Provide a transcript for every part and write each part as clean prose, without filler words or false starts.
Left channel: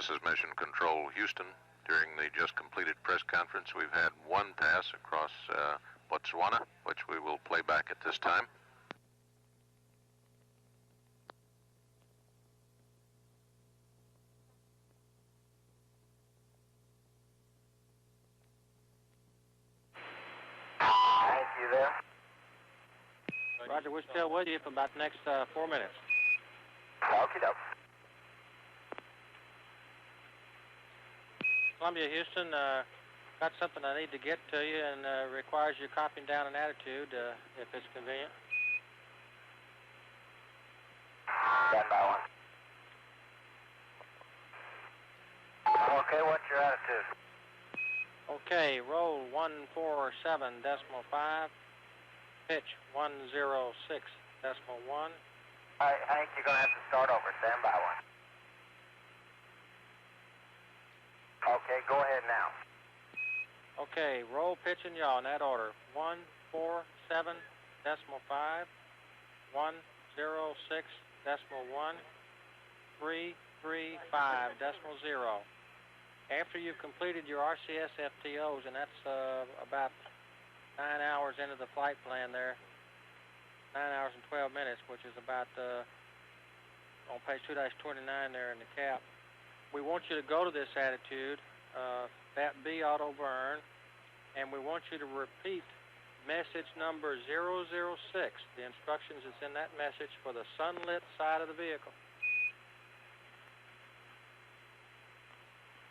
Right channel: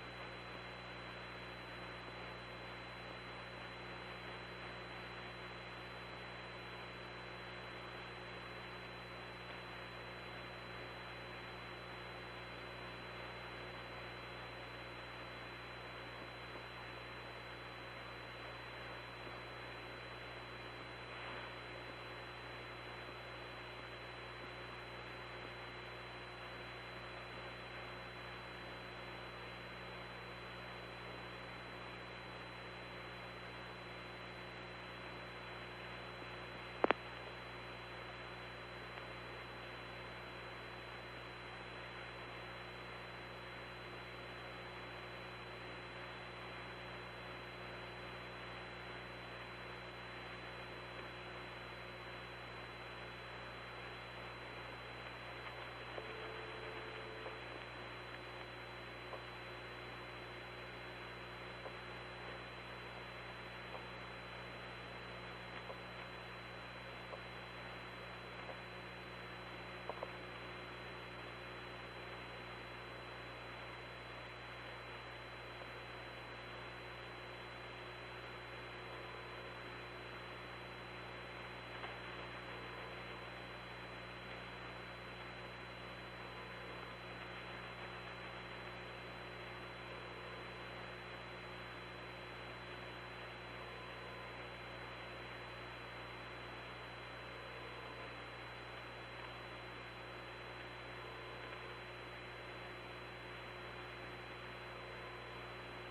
This is Mission Control Houston. During the just completed press conference, we've had one pass across Botswana, which we will play back at this time. Thank you there. Roger, we're still with you for about the next 4 minutes. Okie doke. Columbia, Houston, got something I need to get to you and requires you copying down an attitude if it's convenient. Stand by one. Okay, what's your attitude? Okay, roll 147.5, pitch 106.1. All right, Hank, you're going to have to start over. Stand by one. Okay, go ahead now. Okay, roll, pitch, and yaw in that order. 147.5, 106.1, 335.0. After you've completed your RCS FTOs, and that's about 9 hours into the flight plan there, 9 hours and 12 minutes, which is about on page 2-29 there in the cap. We want you to go to this attitude, that B auto burn, and we want you to repeat message number 006. The instructions is in that message for the sunlit side of the vehicle.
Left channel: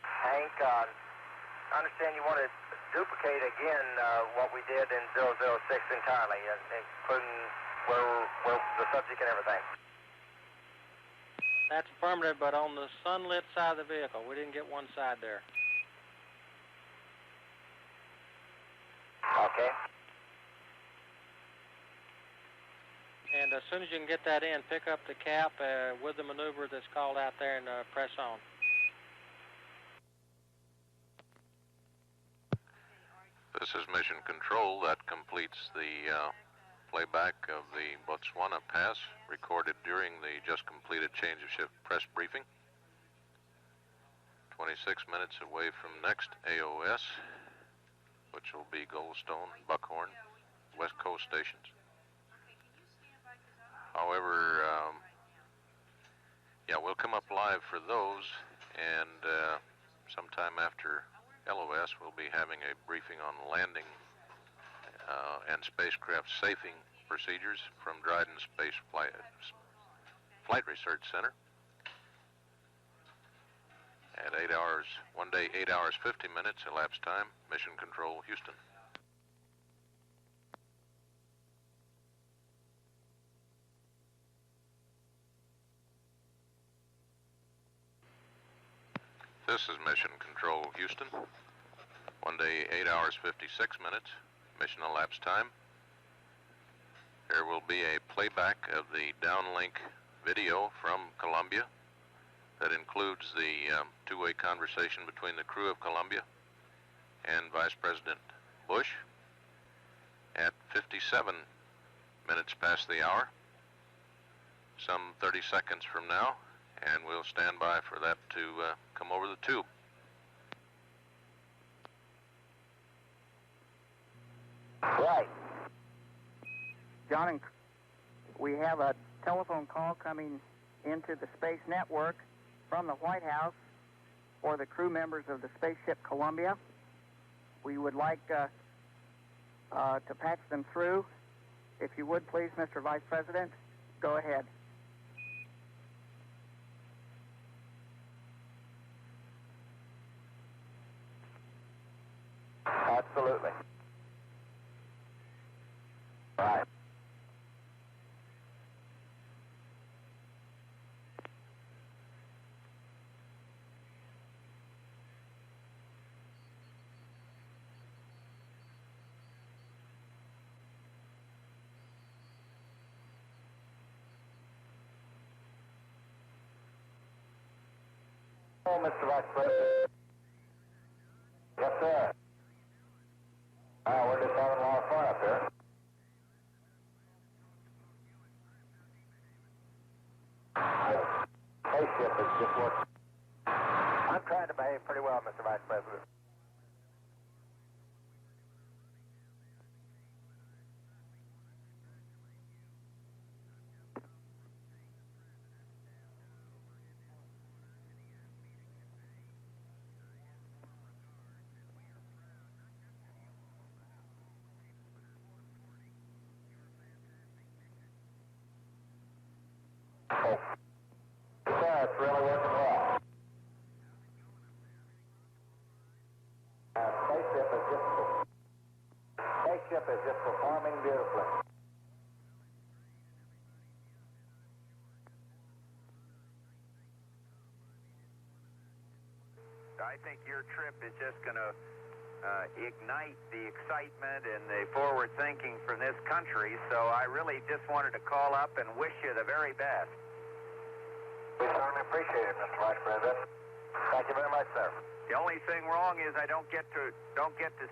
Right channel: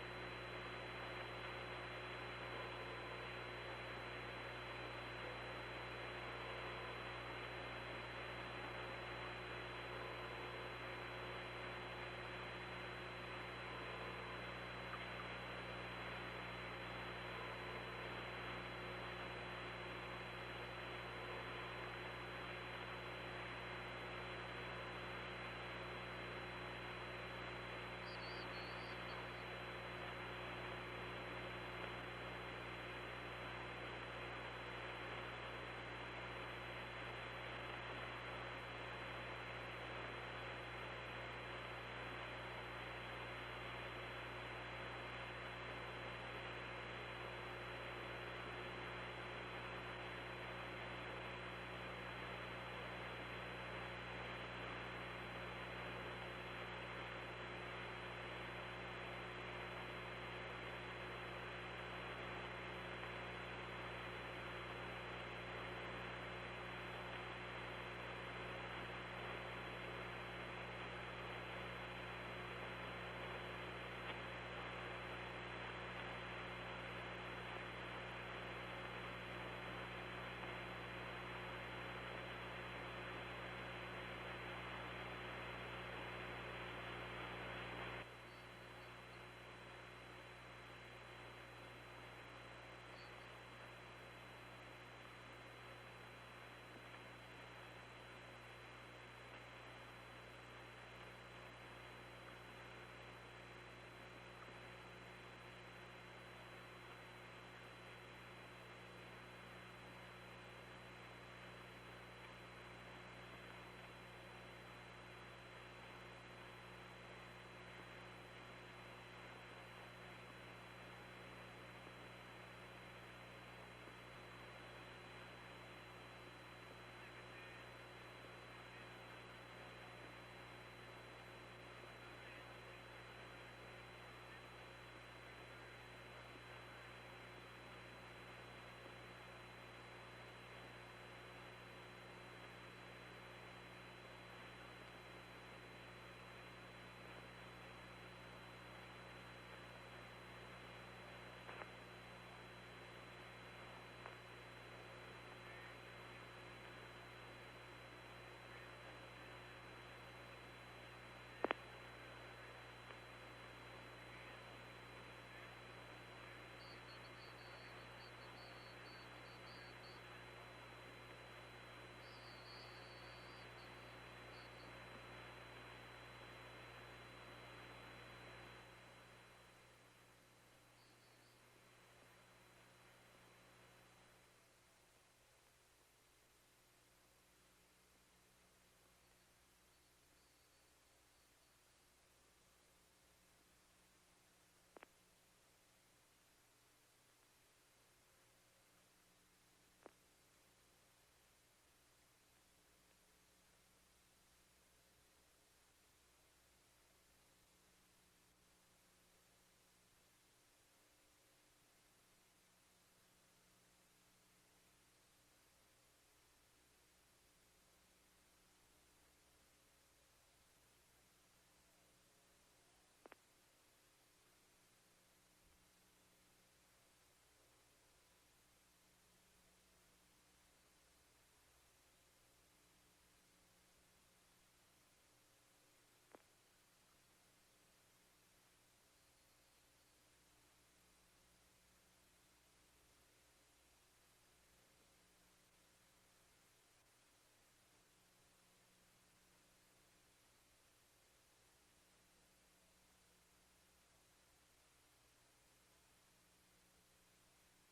Hank, I understand you want to duplicate again what we did in 006 entirely, including where the subject and everything. That's affirmative, but on the sunlit side of the vehicle. We didn't get one side there. Okay. And as soon as you can get that in, pick up the cap with the maneuver that's called out there and press on. This is Mission Control. That completes the playback of the Botswana pass recorded during the just completed change of ship press briefing. 26 minutes away from next AOS, which will be Goldstone, Buckhorn, West Coast stations. However, yeah, we'll come up live for those, and sometime after LOS we'll be having a briefing on landing and spacecraft safing procedures from Dryden Space Flight Research Center. At 8 hours, one day, 8 hours, 50 minutes elapsed time, Mission Control, Houston. This is Mission Control, Houston. One day, 8 hours, 56 minutes, mission elapsed time. There will be a playback of the downlink video from Columbia that includes the two-way conversation between the crew of Columbia and Vice President Bush at 57 minutes past the hour, some 30 seconds from now, and we'll stand by for that to come over the tube. Right. John, we have a telephone call coming into the Space Network from the White House for the crew members of the spaceship Columbia. We would like to patch them through. If you would, please, Mr. Vice President, go ahead. Absolutely. Right. Oh, Mr. Vice President. Yes, sir. We're just having a lot of fun up here. Spaceship is just working. I'm trying to behave pretty well, Mr. Vice President. Yeah, it's really working well. Spaceship is just performing beautifully. I think your trip is just going to ignite the excitement and the forward thinking from this country, so I really just wanted to call up and wish you the very best. We certainly appreciate it, Mr. Vice President. Thank you very much, sir. The only thing wrong is I don't get to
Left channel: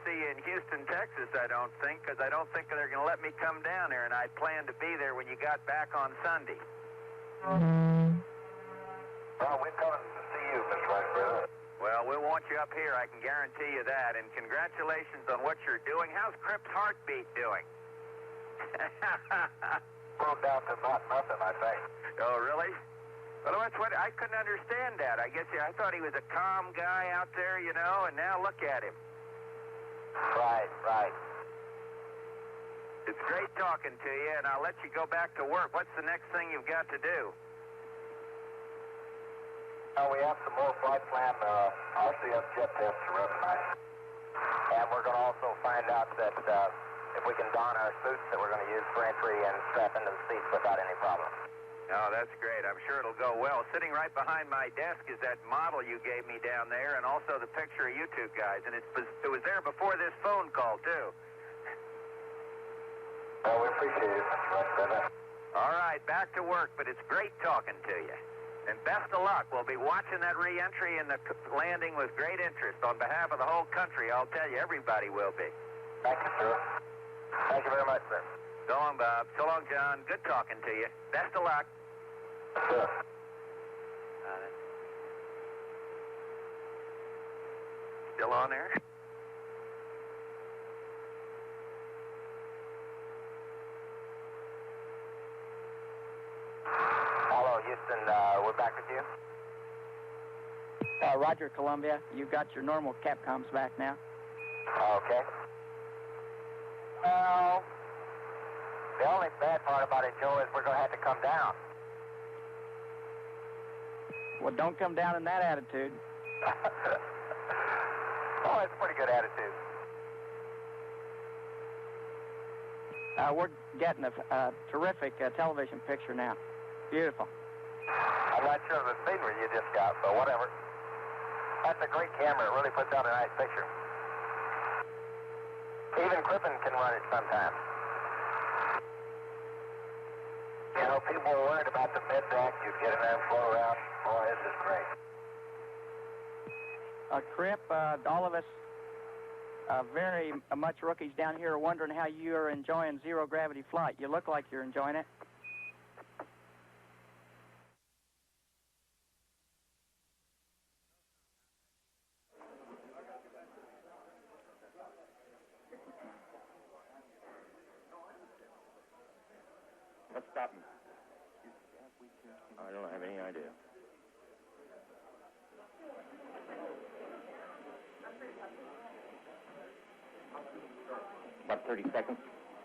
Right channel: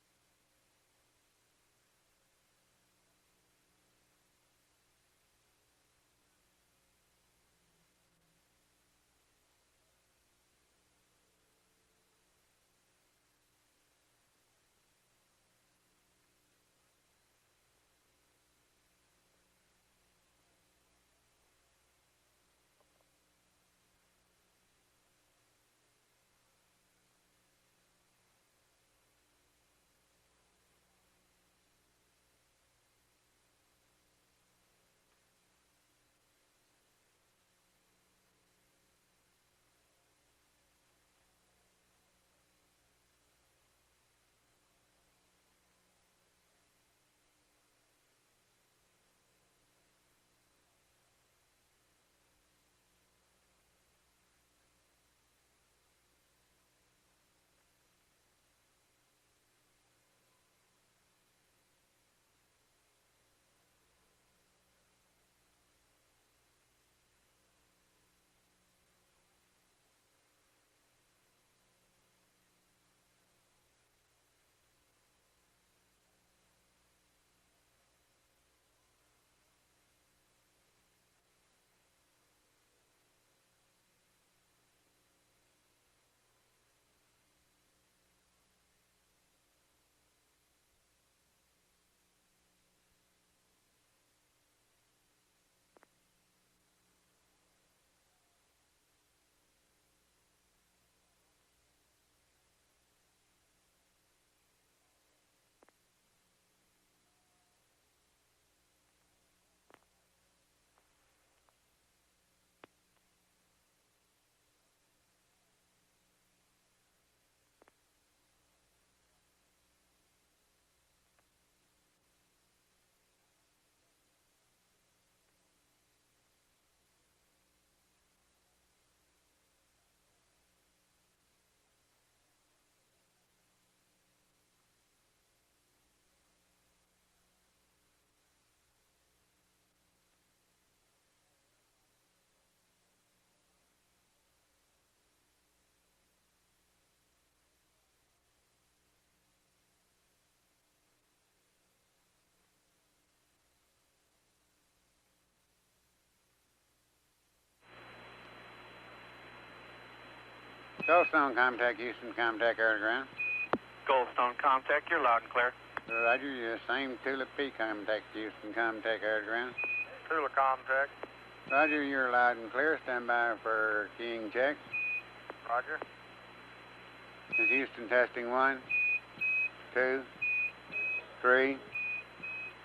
see you in Houston, Texas, I don't think, because I don't think they're going to let me come down there, and I planned to be there when you got back on Sunday. Well, we're coming to see you, Mr. Vice President. Well, we'll want you up here, I can guarantee you that, and congratulations on what you're doing. How's Cripp's heartbeat doing? Slowed down to about nothing, I think. Oh, really? Well, that's what I couldn't understand that. I guess I thought he was a calm guy out there, you know, and now look at him. Right, right. It's great talking to you, and I'll let you go back to work. What's the next thing you've got to do? We have some more flight plan RCS jet tests to run tonight. And we're going to also find out that if we can don our suits that we're going to use for entry and strap into the seats without any problem. Oh, that's great. I'm sure it'll go well. Sitting right behind my desk is that model you gave me down there, and also the picture of you two guys. And it was there before this phone call, too. Well, we appreciate it, Mr. Vice President. All right, back to work, but it's great talking to you. And best of luck. We'll be watching that re-entry and the landing with great interest. On behalf of the whole country, I'll tell you, everybody will be. Thank you, sir. Thank you very much, sir. So long, Bob. So long, John. Good talking to you. Best of luck. Sure. Still on there? Hello, Houston. We're back with you. Roger, Columbia. You've got your normal Capcoms back now. Okay. Well, the only bad part about it, Joe, is we're going to have to come down. Well, don't come down in that attitude. Oh, it's a pretty good attitude. We're getting a terrific television picture now. Beautiful. I'm not sure of the scenery you just got, but whatever. That's a great camera. It really puts out a nice picture. Even Crippen can run it sometimes. You know, people are worried about the mid deck. You get in there and float around. Boy, this is great. Cripp, all of us very much rookies down here are wondering how you are enjoying zero-gravity flight. You look like you're enjoying it. Goldstone, contact Houston, contact air to ground. Goldstone, contact, you're loud and clear. Roger, you same Tulip P, contact Houston, contact air to ground. Tulip contact. Roger, you're loud and clear. Stand by for keying checks. Roger. This is Houston testing 1, 2, 3, 30 seconds.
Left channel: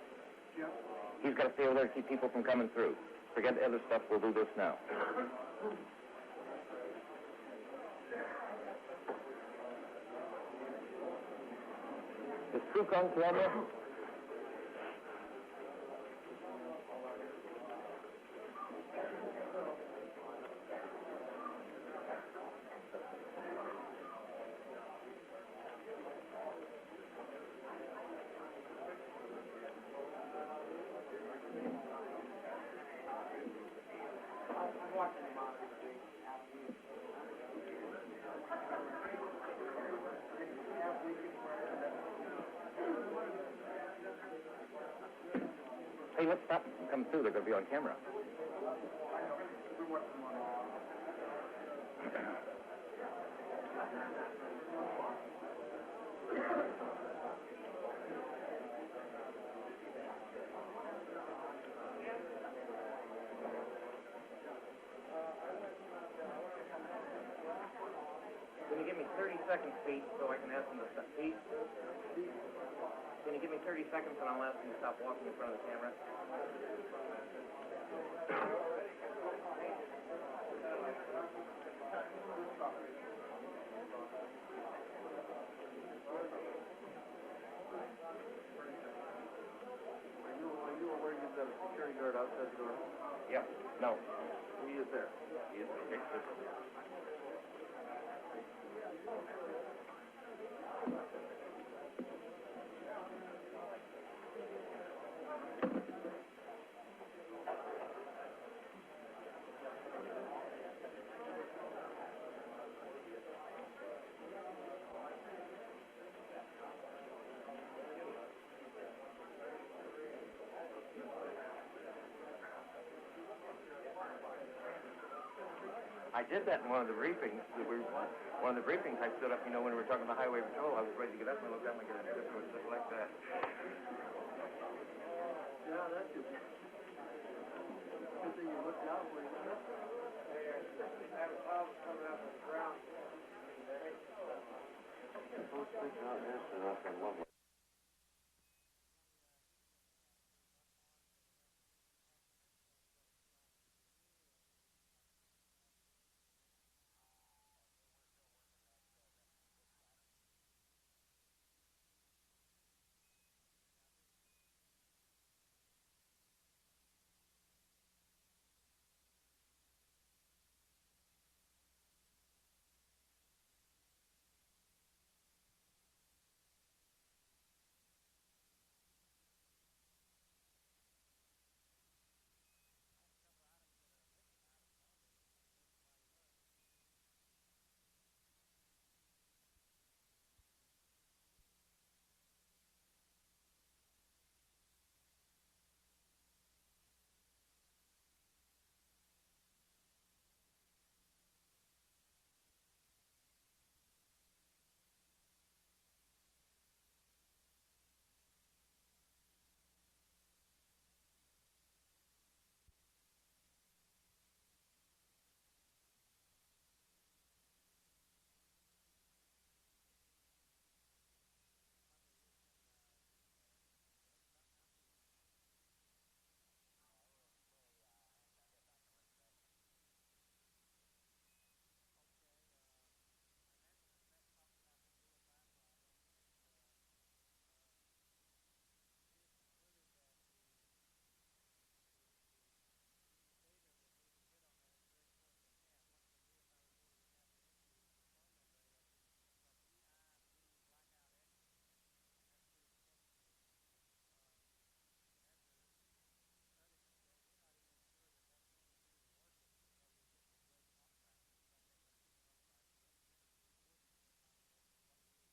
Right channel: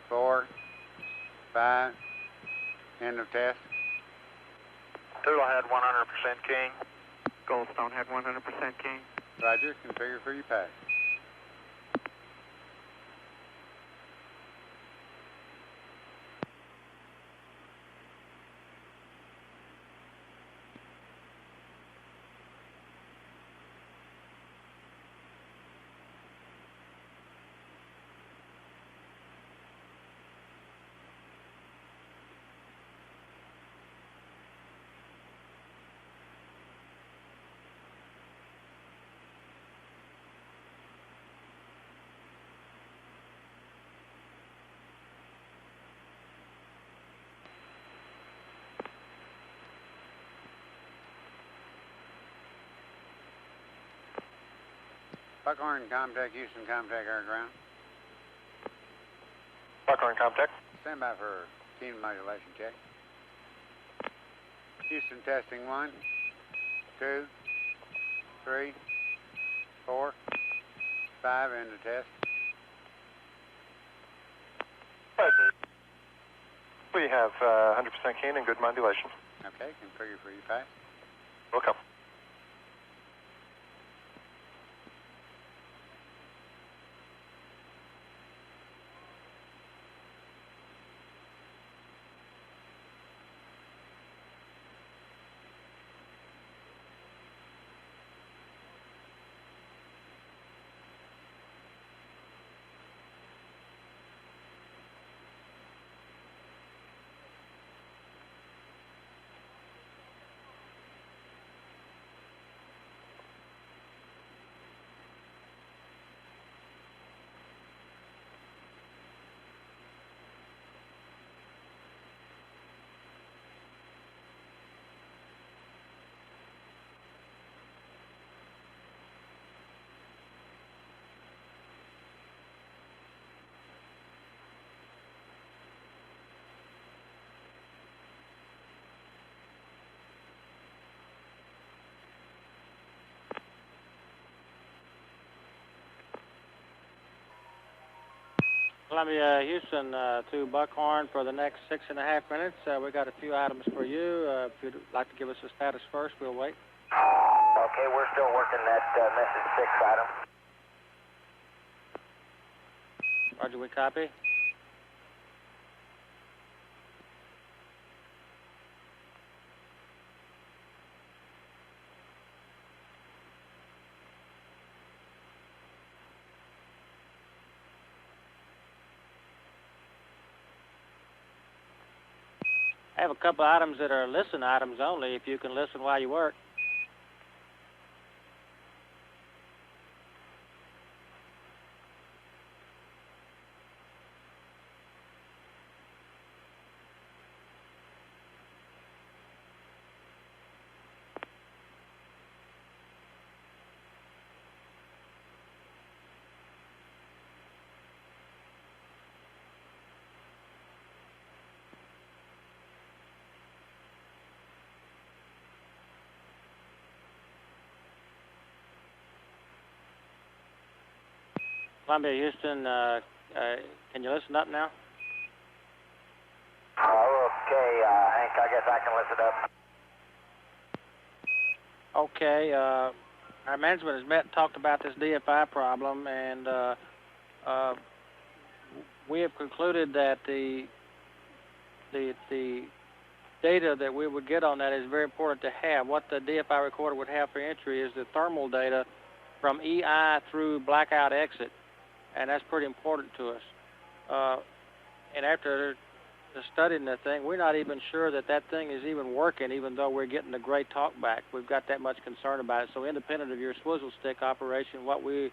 4, He's got 5, people from coming through. end of test. Other stuff, we'll do this now. Tula had 100% king. Goldstone had 100% king. Roger, configure for your pass. Is True on camera? Hey, let's stop them come through. They're going to be on camera. Buckhorn, contact Houston, contact air ground. Buckhorn, contact. Stand by for team modulation check. Houston testing 1, 2, 3, 4, 5 in the test. Can you give me 30 seconds and I'll ask them to stop walking Right. the camera? We have 100% keen and good modulation. Okay, configure for you 5. Welcome. Yep. No. I did that in one of the briefings. One of the briefings, I stood up, when we were talking about highway patrol, I was ready to get up and look down and get a different look like that. Yeah, that's good. Good thing you looked out where you were. Had a cloud coming out of the ground. Columbia, Houston to Buckhorn for the next 6.5 minutes. We got a few items for you. If you'd like to give us a status first, we'll wait. Okay, we're still working that message 6 item. Roger, we copy. I have a couple items that are listen items only, if you can listen while you work. Columbia, Houston, can you listen up now? Okay, Hank, I guess I can listen up. Okay, our management has met and talked about this DFI problem, and we have concluded that the data that we would get on that is very important to have. What the DFI recorder would have for entry is the thermal data from EI through blackout exit, and that's pretty important to us. And after studying the thing, we're not even sure that that thing is even working, even though we're getting a great talk back. We've got that much concern about it. So independent of your swizzle stick operation, what we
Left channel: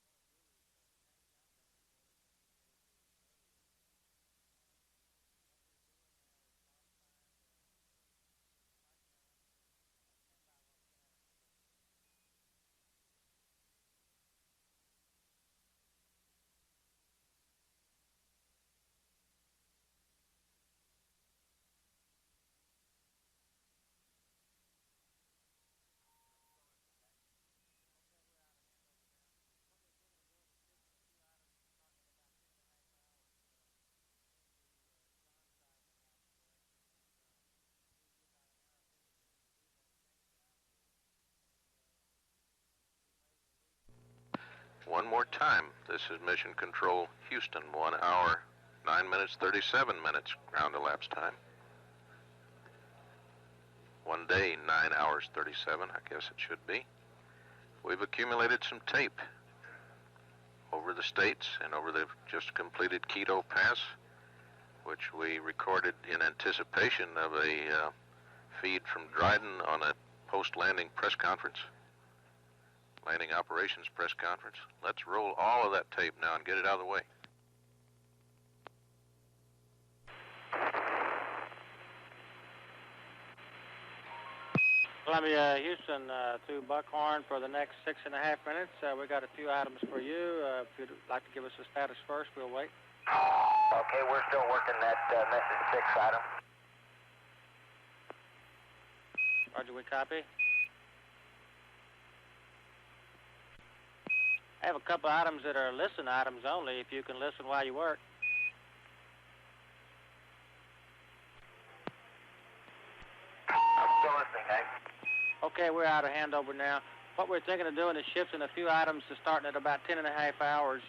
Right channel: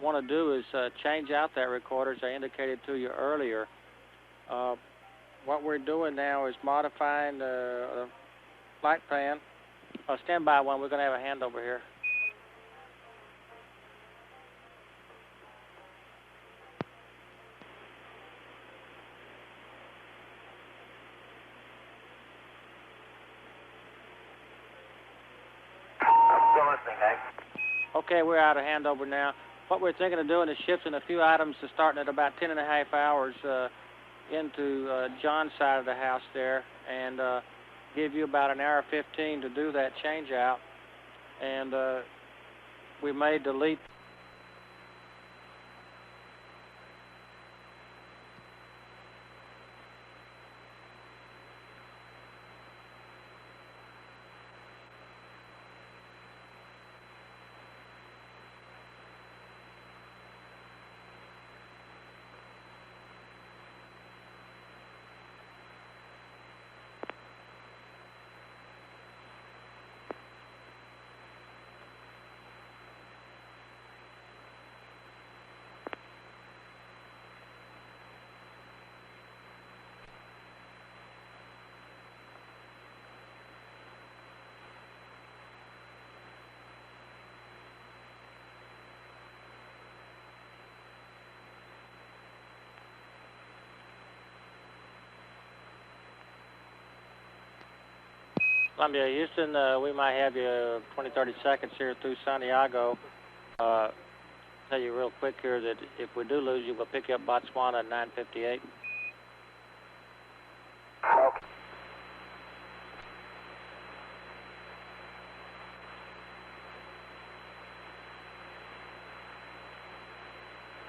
want to do is change out that recorder, as I indicated to you earlier. What we're doing now is modifying the flight plan. Stand by one. We're going to have a handover here. Okay, we're out of handover now. What we're thinking of doing is shifting a few items to starting at about 10.5 hours into John's side of the house there, and give you about an hour 15 to do that change out. And we may delete. One more time. This is Mission Control Houston, 1 hour, 9 minutes, 37 minutes ground elapsed time. 1 day, 9 hours, 37, I guess it should be. We've accumulated some tape over the states and over the just completed Quito Pass, which we recorded in anticipation of a feed from Dryden on a post-landing press conference, landing operations press conference. Let's roll all of that tape now and get it out of the way. Columbia, Houston, to Buckhorn for the next 6.5 minutes. We got a few items for you. If you'd like to give us a status first, we'll wait. Okay, we're still working that message 6 item. Columbia, Houston, we might have you 20, 30 seconds here through Santiago. Tell you real quick here that if we do lose you, we'll pick you up Botswana at 9:58. Okay. I'm still listening, Hank. Okay, we're out of handover now. What we're thinking of doing is shifting a few items to starting at about 10.5 hours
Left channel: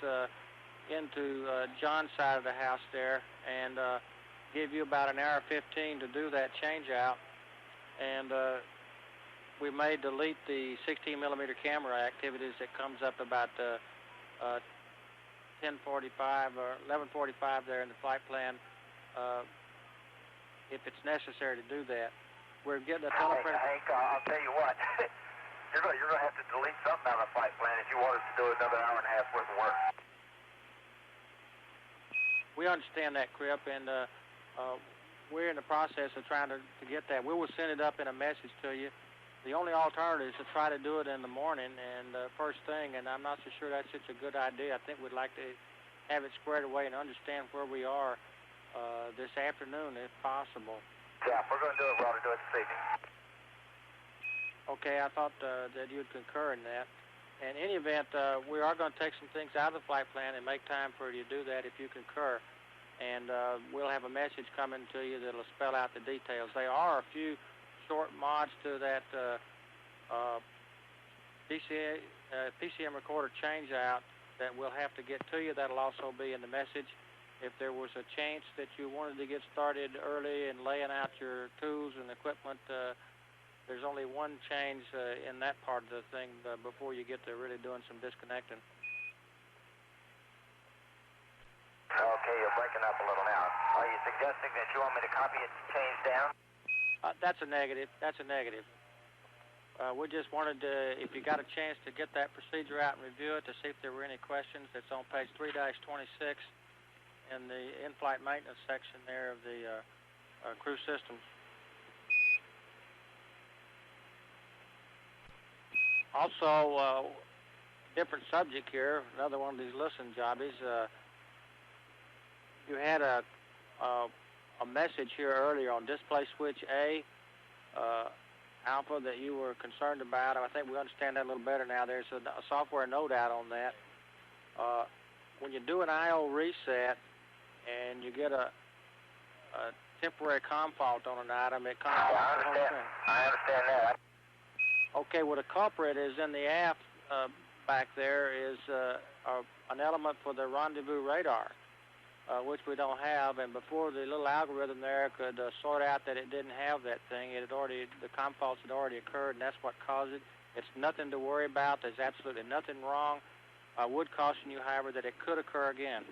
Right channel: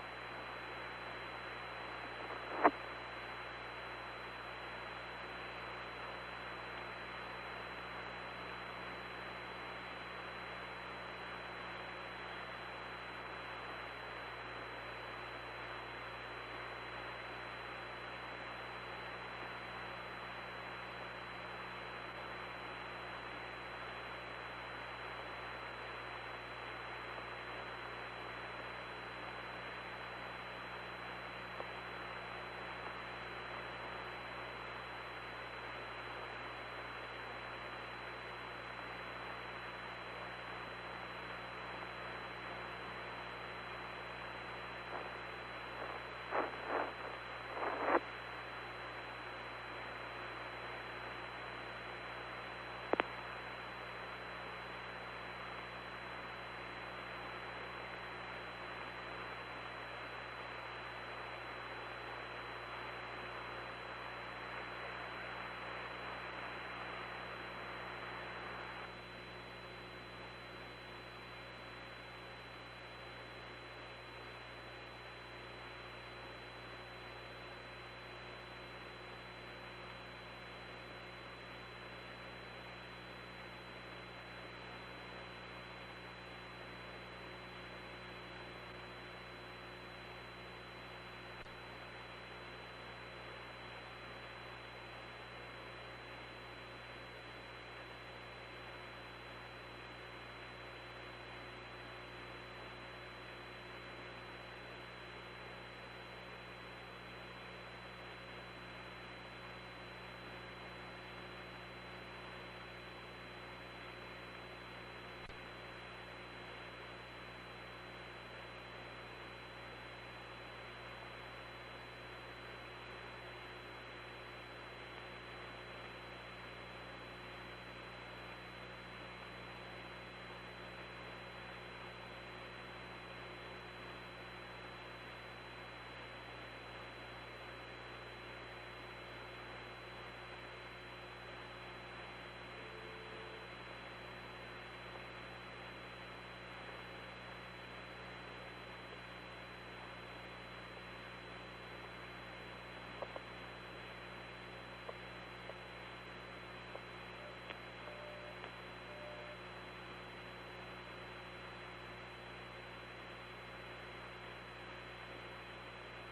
into John's side of the house there, and give you about an hour 15 to do that change out. And we may delete the 16mm camera activities that comes up about 10:45 or 11:45 there in the flight plan, if it's necessary to do that. We're getting a telephone. Hank, I'll tell you what. You're going to have to delete something out of the flight plan if you want us to do another hour and a half worth of work. We understand that, Cripp, and we're in the process of trying to get that. We will send it up in a message to you. The only alternative is to try to do it in the morning and first thing, and I'm not so sure that's such a good idea. I think we'd like to have it squared away and understand where we are this afternoon, if possible. Yeah, if we're going to do it, we ought to do it this evening. Okay, I thought that you'd concur in that. In any event, we are going to take some things out of the flight plan and make time for you to do that if you concur. And we'll have a message coming to you that will spell out the details. There are a few short mods to that PCM recorder change-out that we'll have to get to you. That'll also be in the message. If there was a chance that you wanted to get started early and laying out your tools and equipment, there's only one change in that part of the thing before you get to really doing some disconnecting. Okay, you're breaking up a little now. Are you suggesting that you want me to copy it and change down? That's a negative. That's a negative. We just wanted to, if you got a chance to get that procedure out and review it to see if there were any questions. It's on page 3-26 in the in-flight maintenance section there of the crew system. Also, different subject here, another one of these listen jobbies. You had a message here earlier on display switch A, Alpha, that you were concerned about. I think we understand that a little better now. There's a software note out on that. When you do an I/O reset and you get a temporary COM fault on an item, it comes I understand that. Okay, well, the culprit is in the aft back there is an element for the rendezvous radar, which we don't have, and before the little algorithm there could sort out that it didn't have that thing, the COM faults had already occurred, and that's what caused it. It's nothing to worry about. There's absolutely nothing wrong. I would caution you, however, that it could occur again.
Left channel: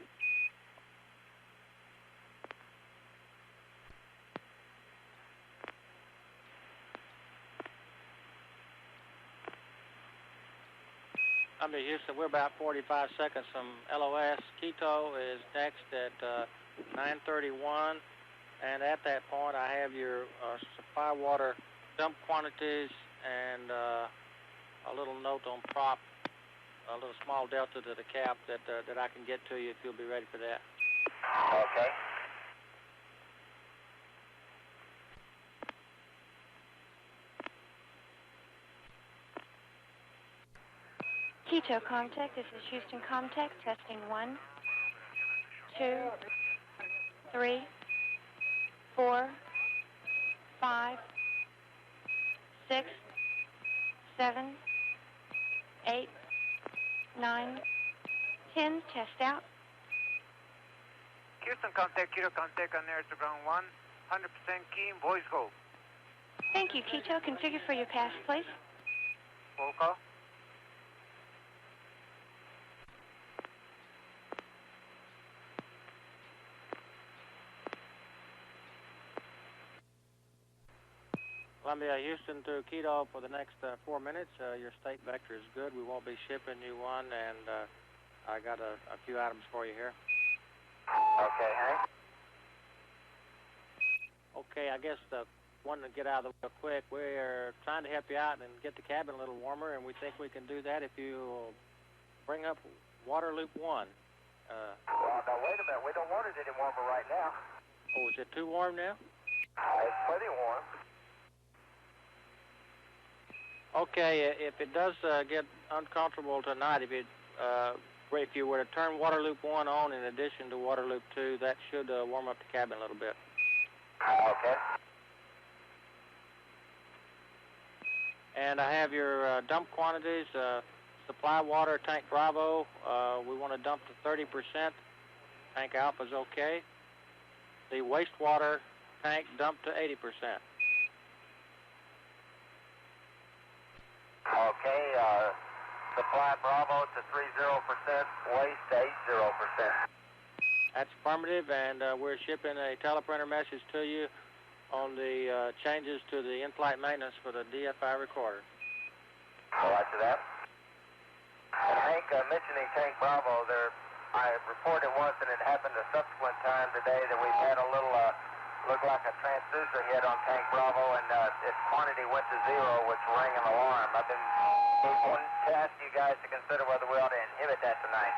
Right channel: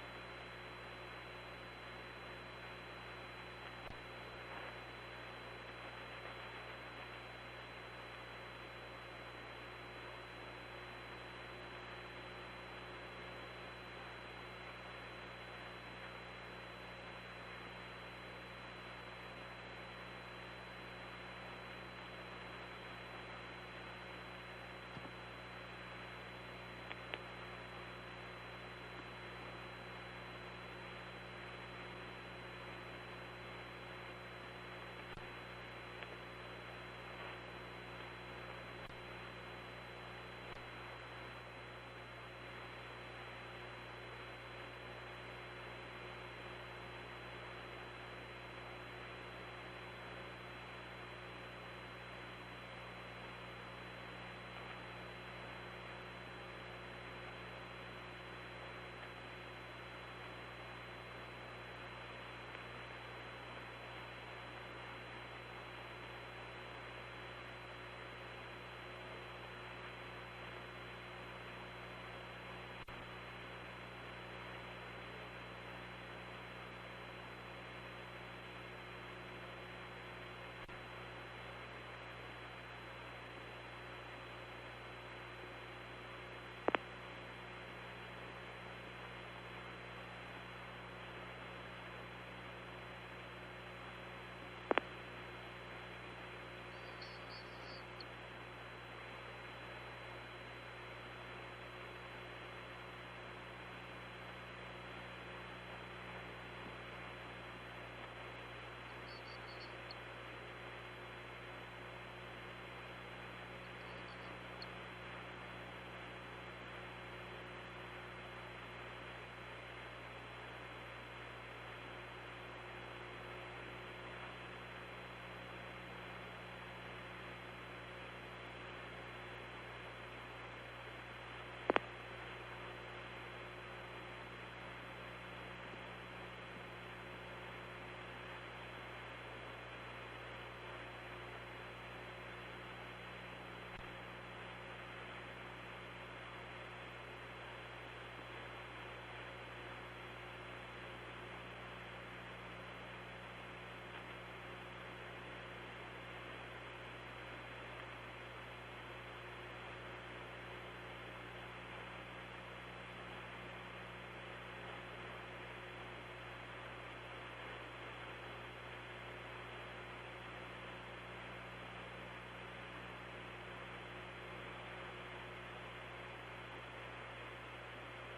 Under Houston, we're about 45 seconds from LOS. Quito is next at 9:31, and at that point I have your supply water dump quantities and a little note on prop, a little small delta to the cap that I can get to you if you'll be ready for that. Okay. Quito contact, this is Houston contact, testing 1, 2, 3, 4, 5, 6, 7, 8, 9, 10, test out. Houston contact, Quito contact on Airborne 1, 100% key, voice go. Thank you, Quito. Configure for your pass, please. Roll call. Columbia, Houston to Quito for the next 4 minutes. Your state vector is good. We won't be shipping you one, and I got a few items for you here. Okay, Hank. Okay, I guess wanting to get out of the quick. We're trying to help you out and get the cabin a little warmer, and we think we can do that if you bring up water loop 1. Well, now wait a minute. We don't want it any warmer right now. Oh, is it too warm now? It's plenty warm. Okay, if it does get uncomfortable tonight, if you were to turn water loop 1 on in addition to water loop 2, that should warm up the cabin a little bit. Okay. And I have your dump quantities. Supply water, tank Bravo, we want to dump to 30%. Tank Alpha's okay. The wastewater tank dump to 80%. Okay, supply Bravo to 30%, waste to 80%. That's affirmative, and we're shipping a teleprinter message to you on the changes to the in-flight maintenance for the DFI recorder. Roger that. And Hank, mentioning Tank Bravo, I reported once, and it happened a subsequent time today, that we've had a little, looked like a transducer hit on Tank Bravo, and its quantity went to 0, which rang an alarm. I've been wanting to ask you guys to consider whether we ought to inhibit that tonight.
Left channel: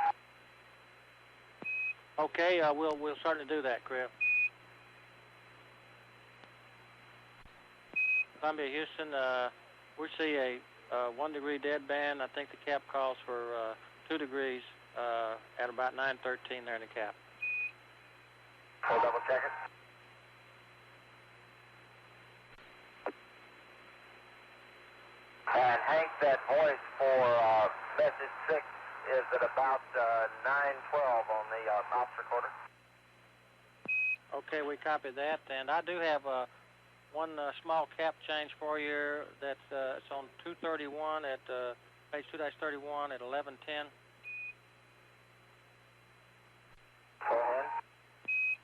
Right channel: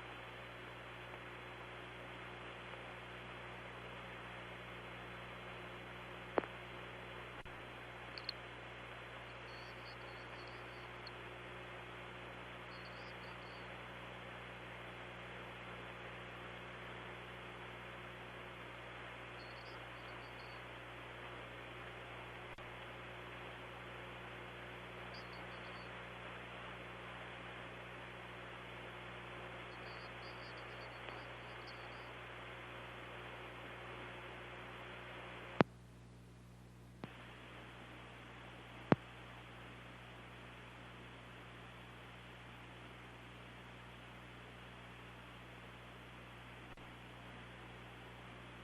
Okay, we'll certainly do that, Crippen. Columbia, Houston, we see a 1 degree deadband. I think the cap calls for 2 degrees at about 9:13 there in the cap. We'll double check it. And Hank, that voice for message 6 is at about 9:12 on the ops recorder. Okay, we copy that. And I do have one small cap change for you. That it's on 231 at page 2-31 at 11:10. Go ahead.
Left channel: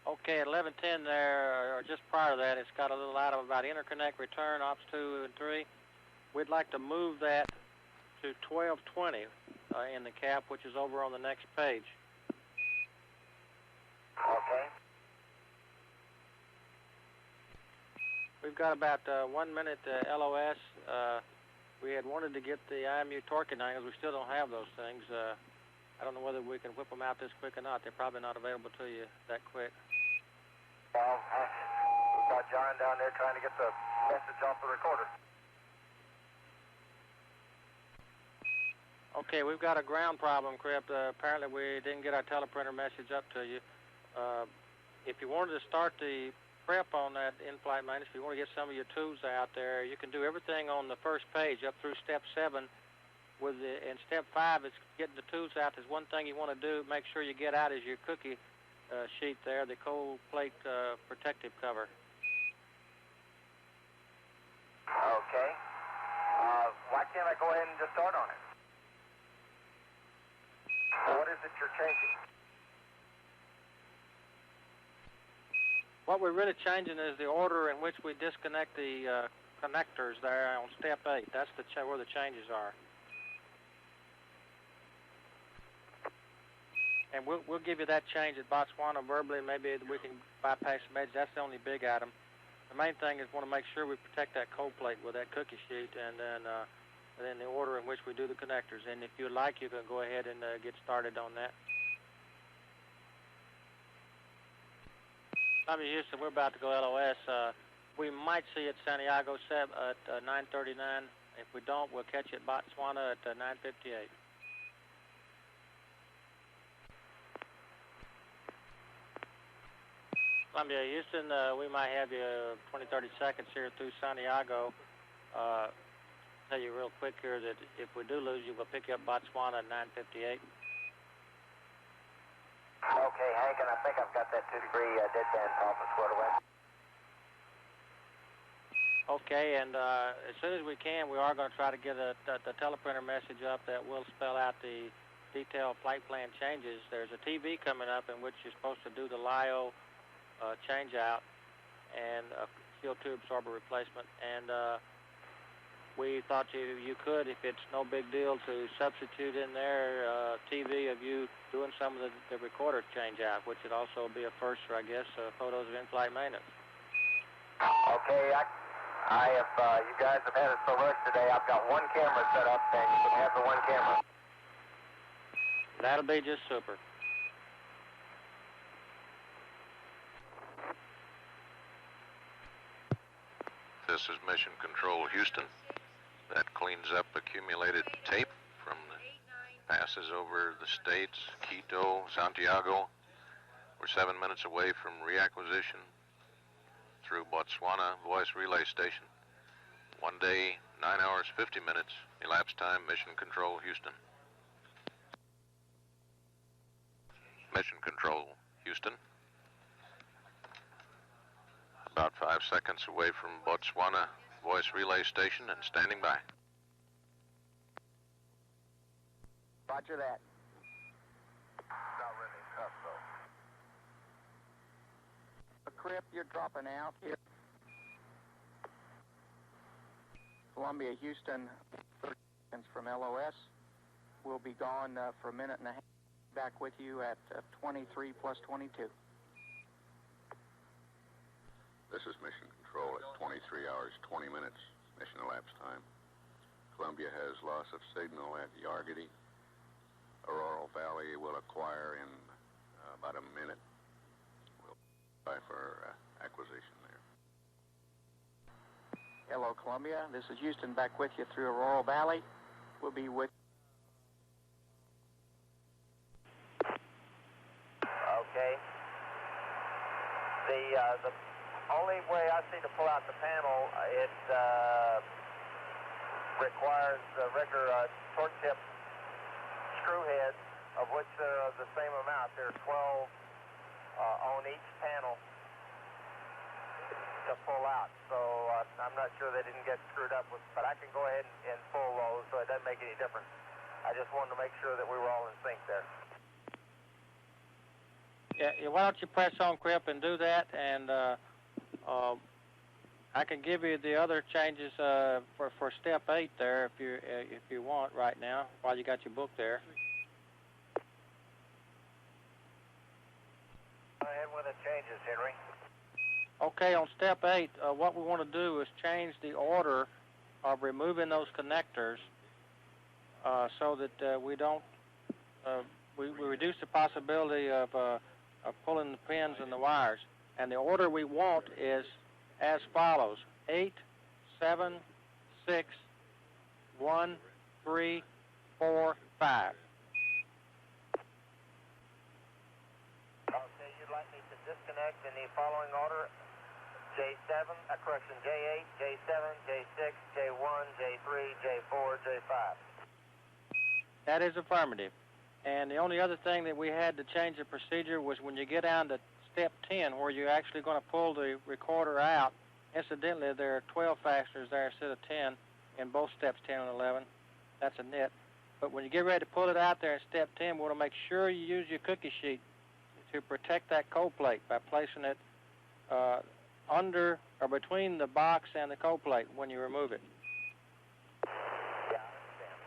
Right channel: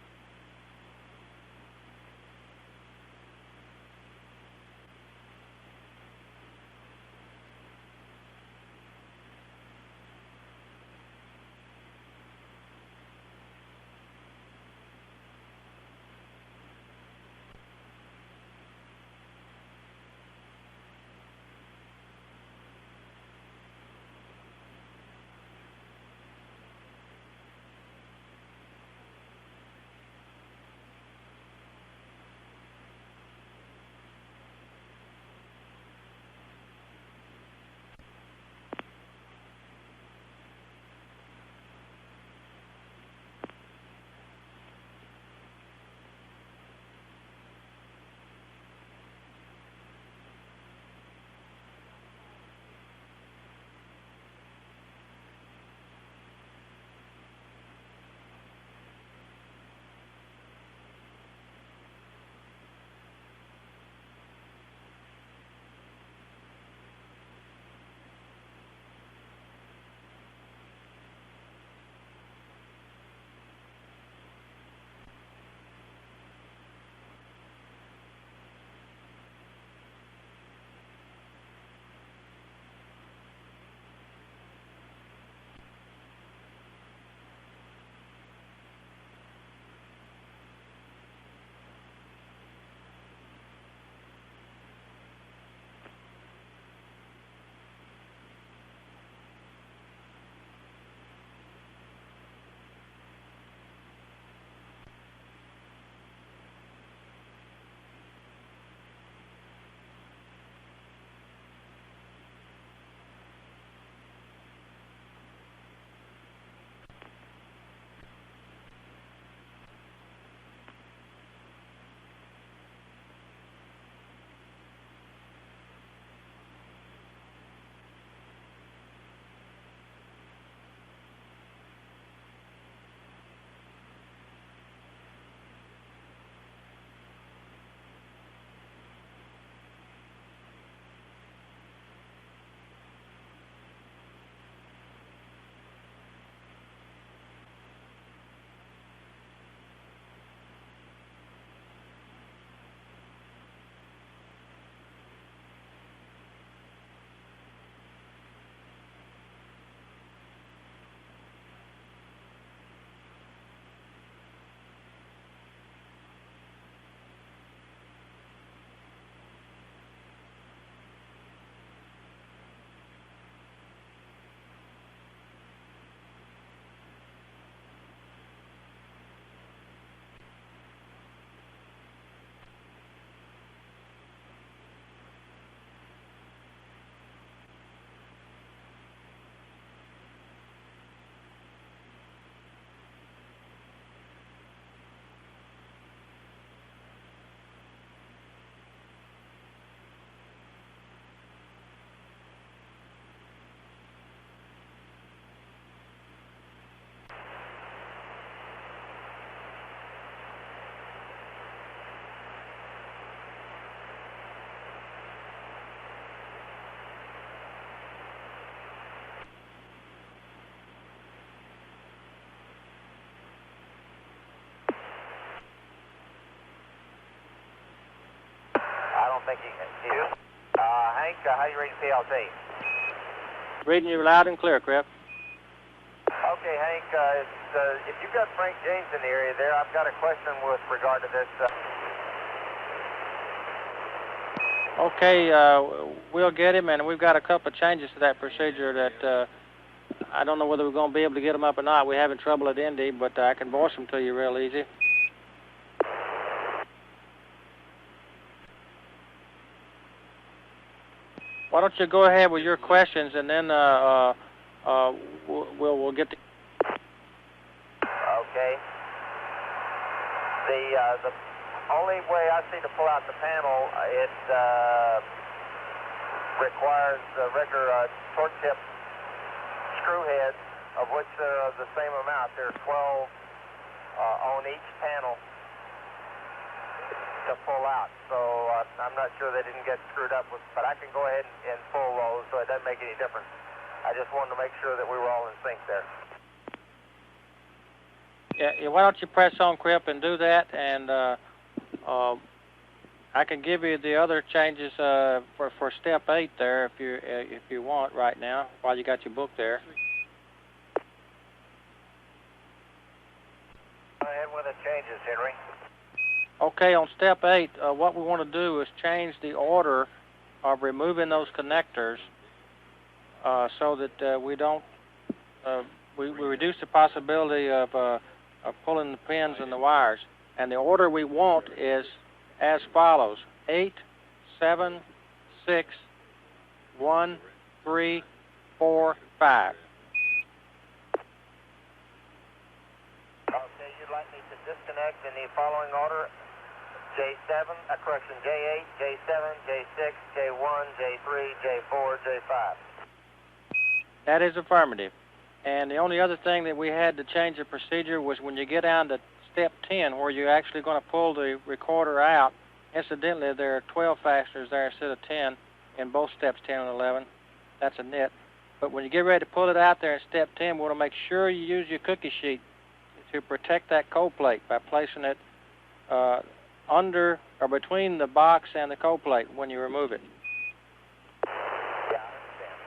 Okay, at 11:10 there, or just prior to that, it's got a little item about interconnect return, ops 2 and 3. We'd like to move that to 12:20 in the cap, which is over on the next page. Okay. We've got about 1 minute LOS. We had wanted to get the IMU torquing angles. We still don't have those things. I don't know whether we can whip them out this quick or not. They're probably not available to you that quick. Well, we've got John down there trying to get the message off the recorder. Okay, we've got a ground problem, Crippen. Apparently we didn't get our teleprinter message up to you. If you wanted to start the prep on that in-flight maintenance, if you want to get some of your tools out there, you can do everything on the first page up through step 7. In step 5, it's getting the tools out. There's one thing you want to do, make sure you get out is your cookie sheet there, the cold plate protective cover. Okay. Why can't I go ahead and just start on it? What is it you're changing? What we're really changing is the order in which we disconnect the connectors there on step 8. That's where the changes are. And we'll give you that change at Botswana verbally. Maybe we can bypass the message. That's the only big item. The main thing is want to make sure we protect that cold plate with that cookie sheet, and then the order in which we do the connectors. And if you'd like, you can go ahead and get started on that. Tommy Houston, we're about to go LOS. We might see you at Santiago at 9:39. If we don't, we'll catch you at Botswana at 9:58. Columbia, Houston, we might have you 20-30 seconds here through Santiago. Tell you real quick here that if we do lose you, we'll pick you up Botswana at 9:58. Okay, Hank, and I think I've got that 2 degree deadband problem squared away. Okay, and as soon as we can, we are going to try to get the teleprinter message up that will spell out the detailed flight plan changes. There's a TV coming up in which you're supposed to do the LIO change out and a fuel tube absorber replacement, and we thought you could, if it's no big deal, to substitute in there TV of you doing some of the recorder change out, which would also be a first for, I guess, photos of in-flight maintenance. Okay, You guys have had us so much today, I've got one camera set up, and you can have the one camera. That'll be just super. This is Mission Control Houston. That cleans up accumulated tape from the passes over the states, Quito, Santiago. We're 7 minutes away from reacquisition through Botswana Voice Relay Station. 1 day, 9 hours, 50 minutes, elapsed time, Mission Control Houston. Mission Control Houston. About 5 seconds away from Botswana Voice Relay Station and standing by. Roger that. Not ready to cut, though. Cripp, you're dropping out. I don't think he can. Hank, how you reading PLC? Reading you loud and clear, Cripp. For a minute now. Okay, Hank, if you've got Frank James in the area there, I've got a question with regard to this. Okay, we'll get him, and we've got a couple of changes to that procedure that I don't know whether we're going to be able to get them up or not. We're having trouble at Indy, but I can voice them to you real easy. Hello, Columbia. This is Houston back with you through. Why don't you go ahead with your questions, and then we'll get to. Okay. The only way I see to pull out the panel, it requires regular torque tip screw heads, of which there are the same amount. There are 12 on each panel to pull out. So I'm not sure they didn't get screwed up, but I can go ahead and pull those, so it doesn't make any difference. I just wanted to make sure that we were all in sync there. Yeah, why don't you press on, Cripp, and do that, and I can give you the other changes for step 8 there if you want right now while you got your book there. Go ahead with the changes, Henry. Okay, on step 8, what we want to do is change the order of removing those connectors so that we don't we reduce the possibility of pulling the pins and the wires. And the order we want is as follows: 8, 7, 6, 1, 3, 4, 5. Okay, you'd like me to disconnect in the following order: J7, correction, J8, J7, J6, J1, J3, J4, J5. That is affirmative. And the only other thing that we had to change the procedure was when you get down to step 10, where you're actually going to pull the recorder out. Incidentally, there are 12 fasteners there instead of 10 in both steps 10 and 11. That's a nit. But when you get ready to pull it out there in step 10, we want to make sure you use your cookie sheet to protect that cold plate by placing it under or between the box and the cold plate when you remove it. Yeah, I understand.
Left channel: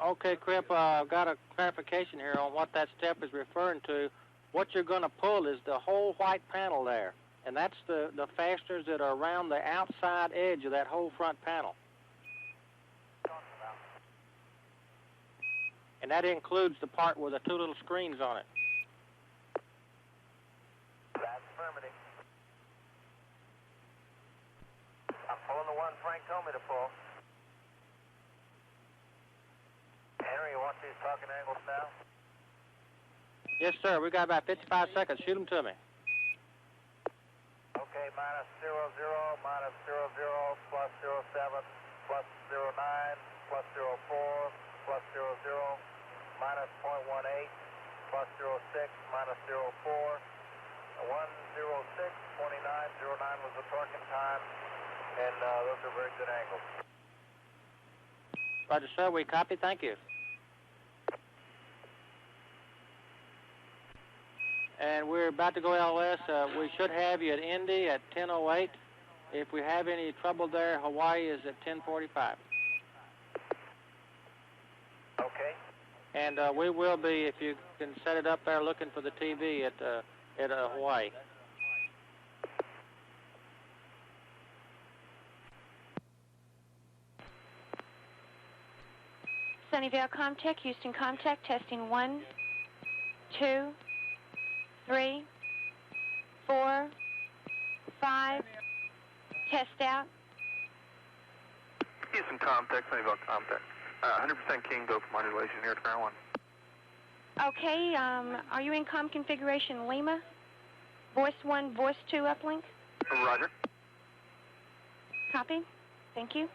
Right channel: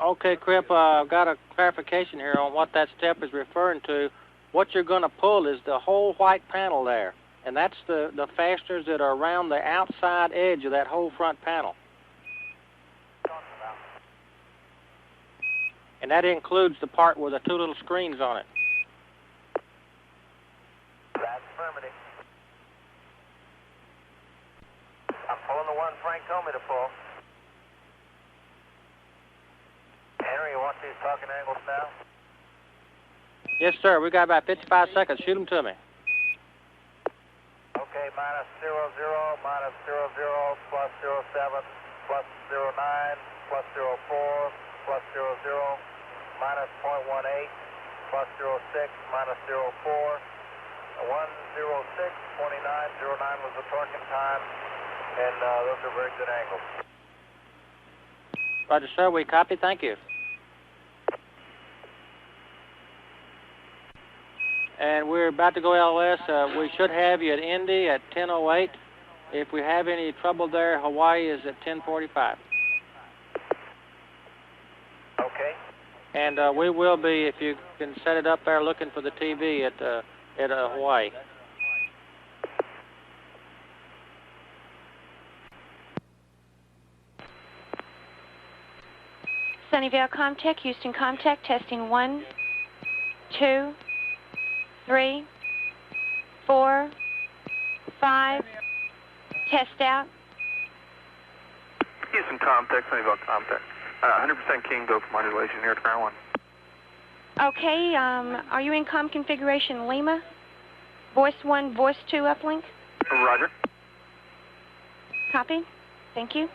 Okay. Okay, Cripp, I've got a clarification here on what that step is referring to. What you're going to pull is the whole white panel there, and that's the fasteners that are around the outside edge of that whole front panel. And that includes the part with the 2 little screens on it. That's affirmative. I'm pulling the one Frank told me to pull. Henry, you want these talking angles now? Yes, sir. We got about 55 seconds. Shoot them to me. Okay, minus 00, minus 00, plus 07, plus 09, plus 04, plus 00, minus 0.18, plus 06, minus 04, 106, 29, 09 was the torquing time, and those are very good angles. Roger, sir. We copy. Thank you. And we're about to go LOS. We should have you at Indy at 10:08. If we have any trouble there, Hawaii is at 10:45. Okay. And we will be, if you can set it up there, looking for the TV at Hawaii. Sunnyvale Comtech, Houston Comtech, testing 1, 2, 3, 4, 5. Test out. Houston Comtech, Sunnyvale Comtech. 100% King, go for modulation here at ground 1. Okay, are you in comm configuration Lima? Voice 1, voice 2 uplink? Roger. Copy. Thank you.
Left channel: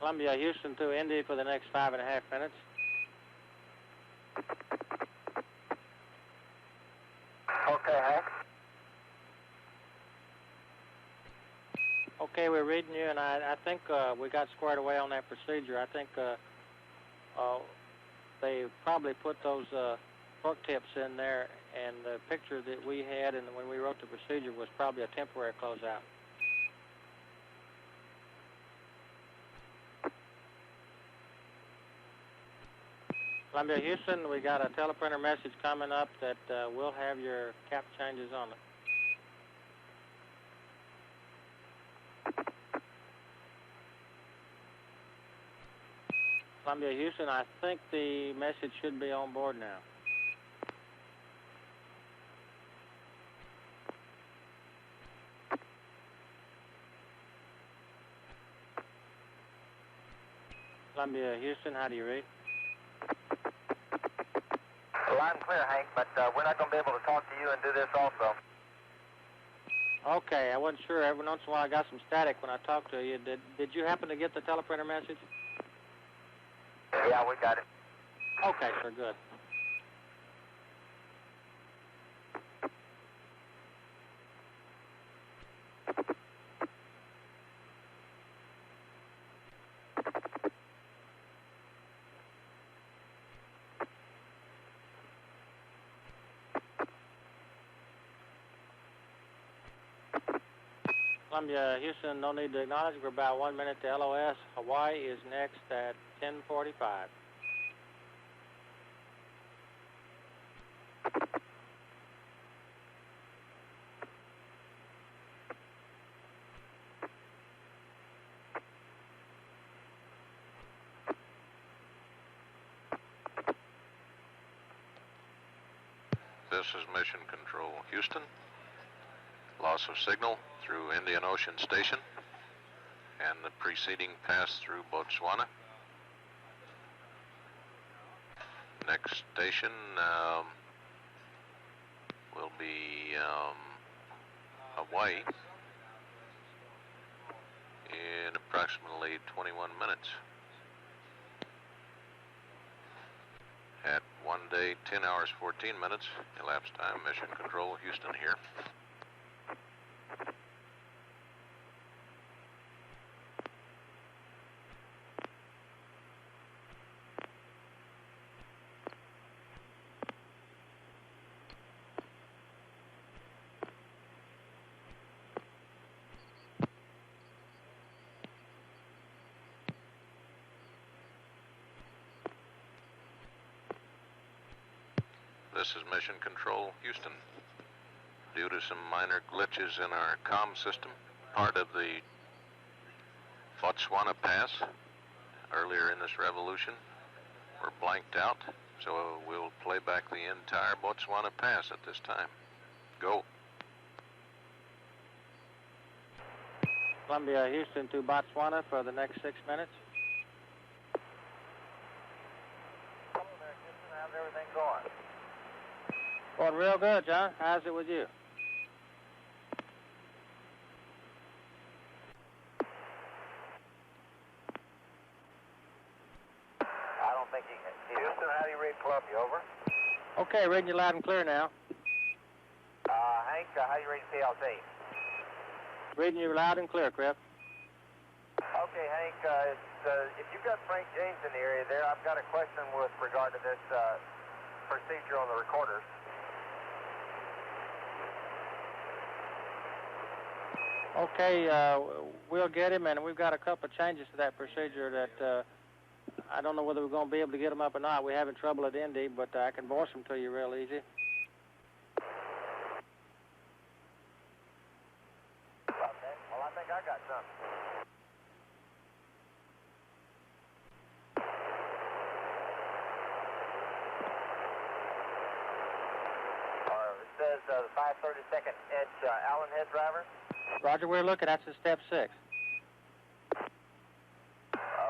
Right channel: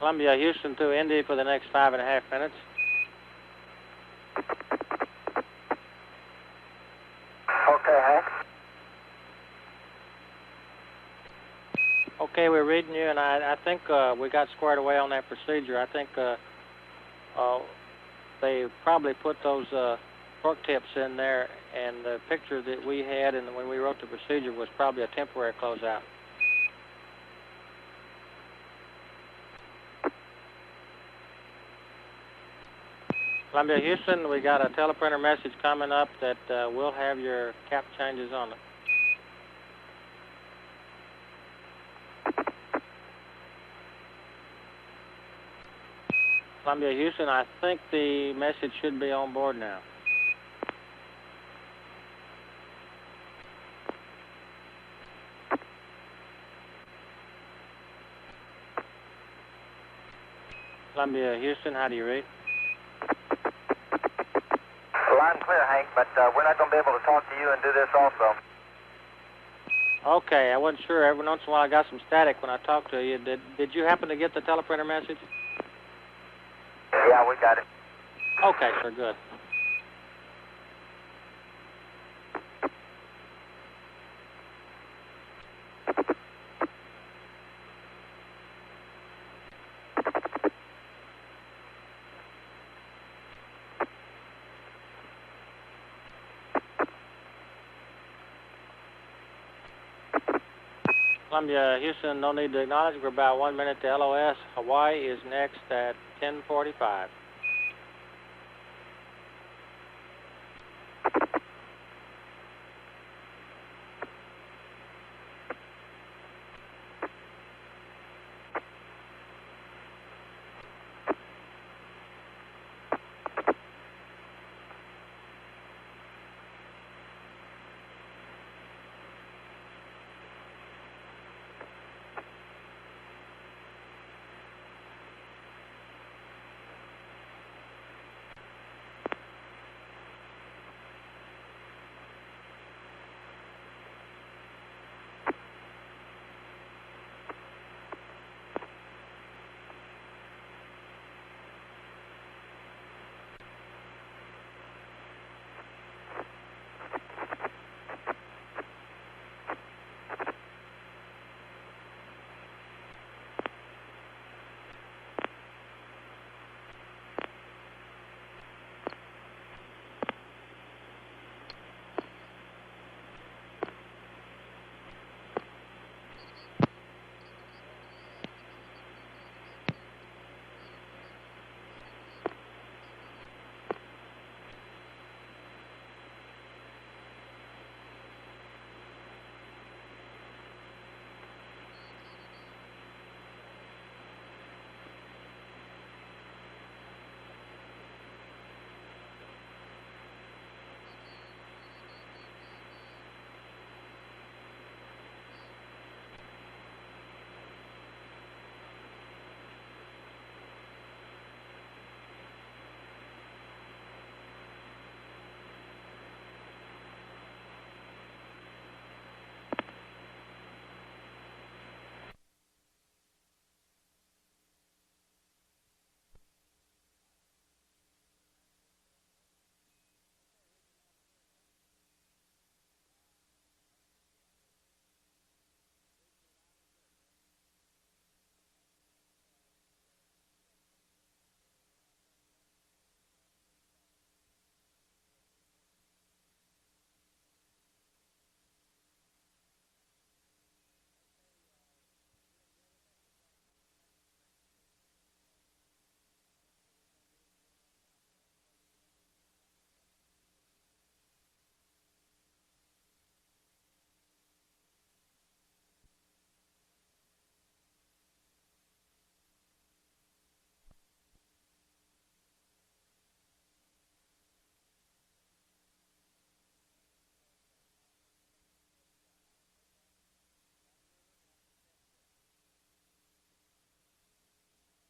Columbia, Houston to Indy for the next 5.5 minutes. Okay, Hank. Okay, we're reading you, and I think we got squared away on that procedure. I think they probably put those fork tips in there, and the picture that we had and when we wrote the procedure was probably a temporary closeout. Columbia, Houston, we got a teleprinter message coming up that we'll have your cap changes on it. Columbia, Houston, I think the message should be on board now. Columbia, Houston, how do you read? Line clear, Hank, but we're not going to be able to talk to you and do this also. Okay, I wasn't sure. Every once in a while I got some static when I talked to you. Did you happen to get the teleprinter message? Yeah, we got it. Okay, sir, good. Columbia, Houston, no need to acknowledge. We're about 1 minute to LOS. Hawaii is next at 10:45. This is Mission Control Houston. Loss of signal through Indian Ocean Station and the preceding pass through Botswana. Next station will be Hawaii in approximately 21 minutes. At 1 day, 10 hours, 14 minutes, elapsed time, Mission Control Houston here. This is Mission Control Houston. Due to some minor glitches in our comm system, part of the Botswana pass earlier in this revolution were blanked out, so we'll play back the entire Botswana pass at this time. Go. Columbia, Houston to Botswana for the next 6 minutes. How's everything going? Going real good, John. How's it with you? Columbia, over. Okay, reading you loud and clear now. Hank, how you reading PLT? Reading you loud and clear, Cripp. Okay, Hank, if you've got Frank James in the area there, I've got a question with regard to this procedure on the recorders. Okay, we'll get him, and we've got a couple of changes to that procedure that I don't know whether we're going to be able to get them up or not. We're having trouble at Indy, but I can voice them to you real easy. Okay, well, I think I got something. It says the 532nd inch Allen head driver. Roger, we're looking. That's the step 6.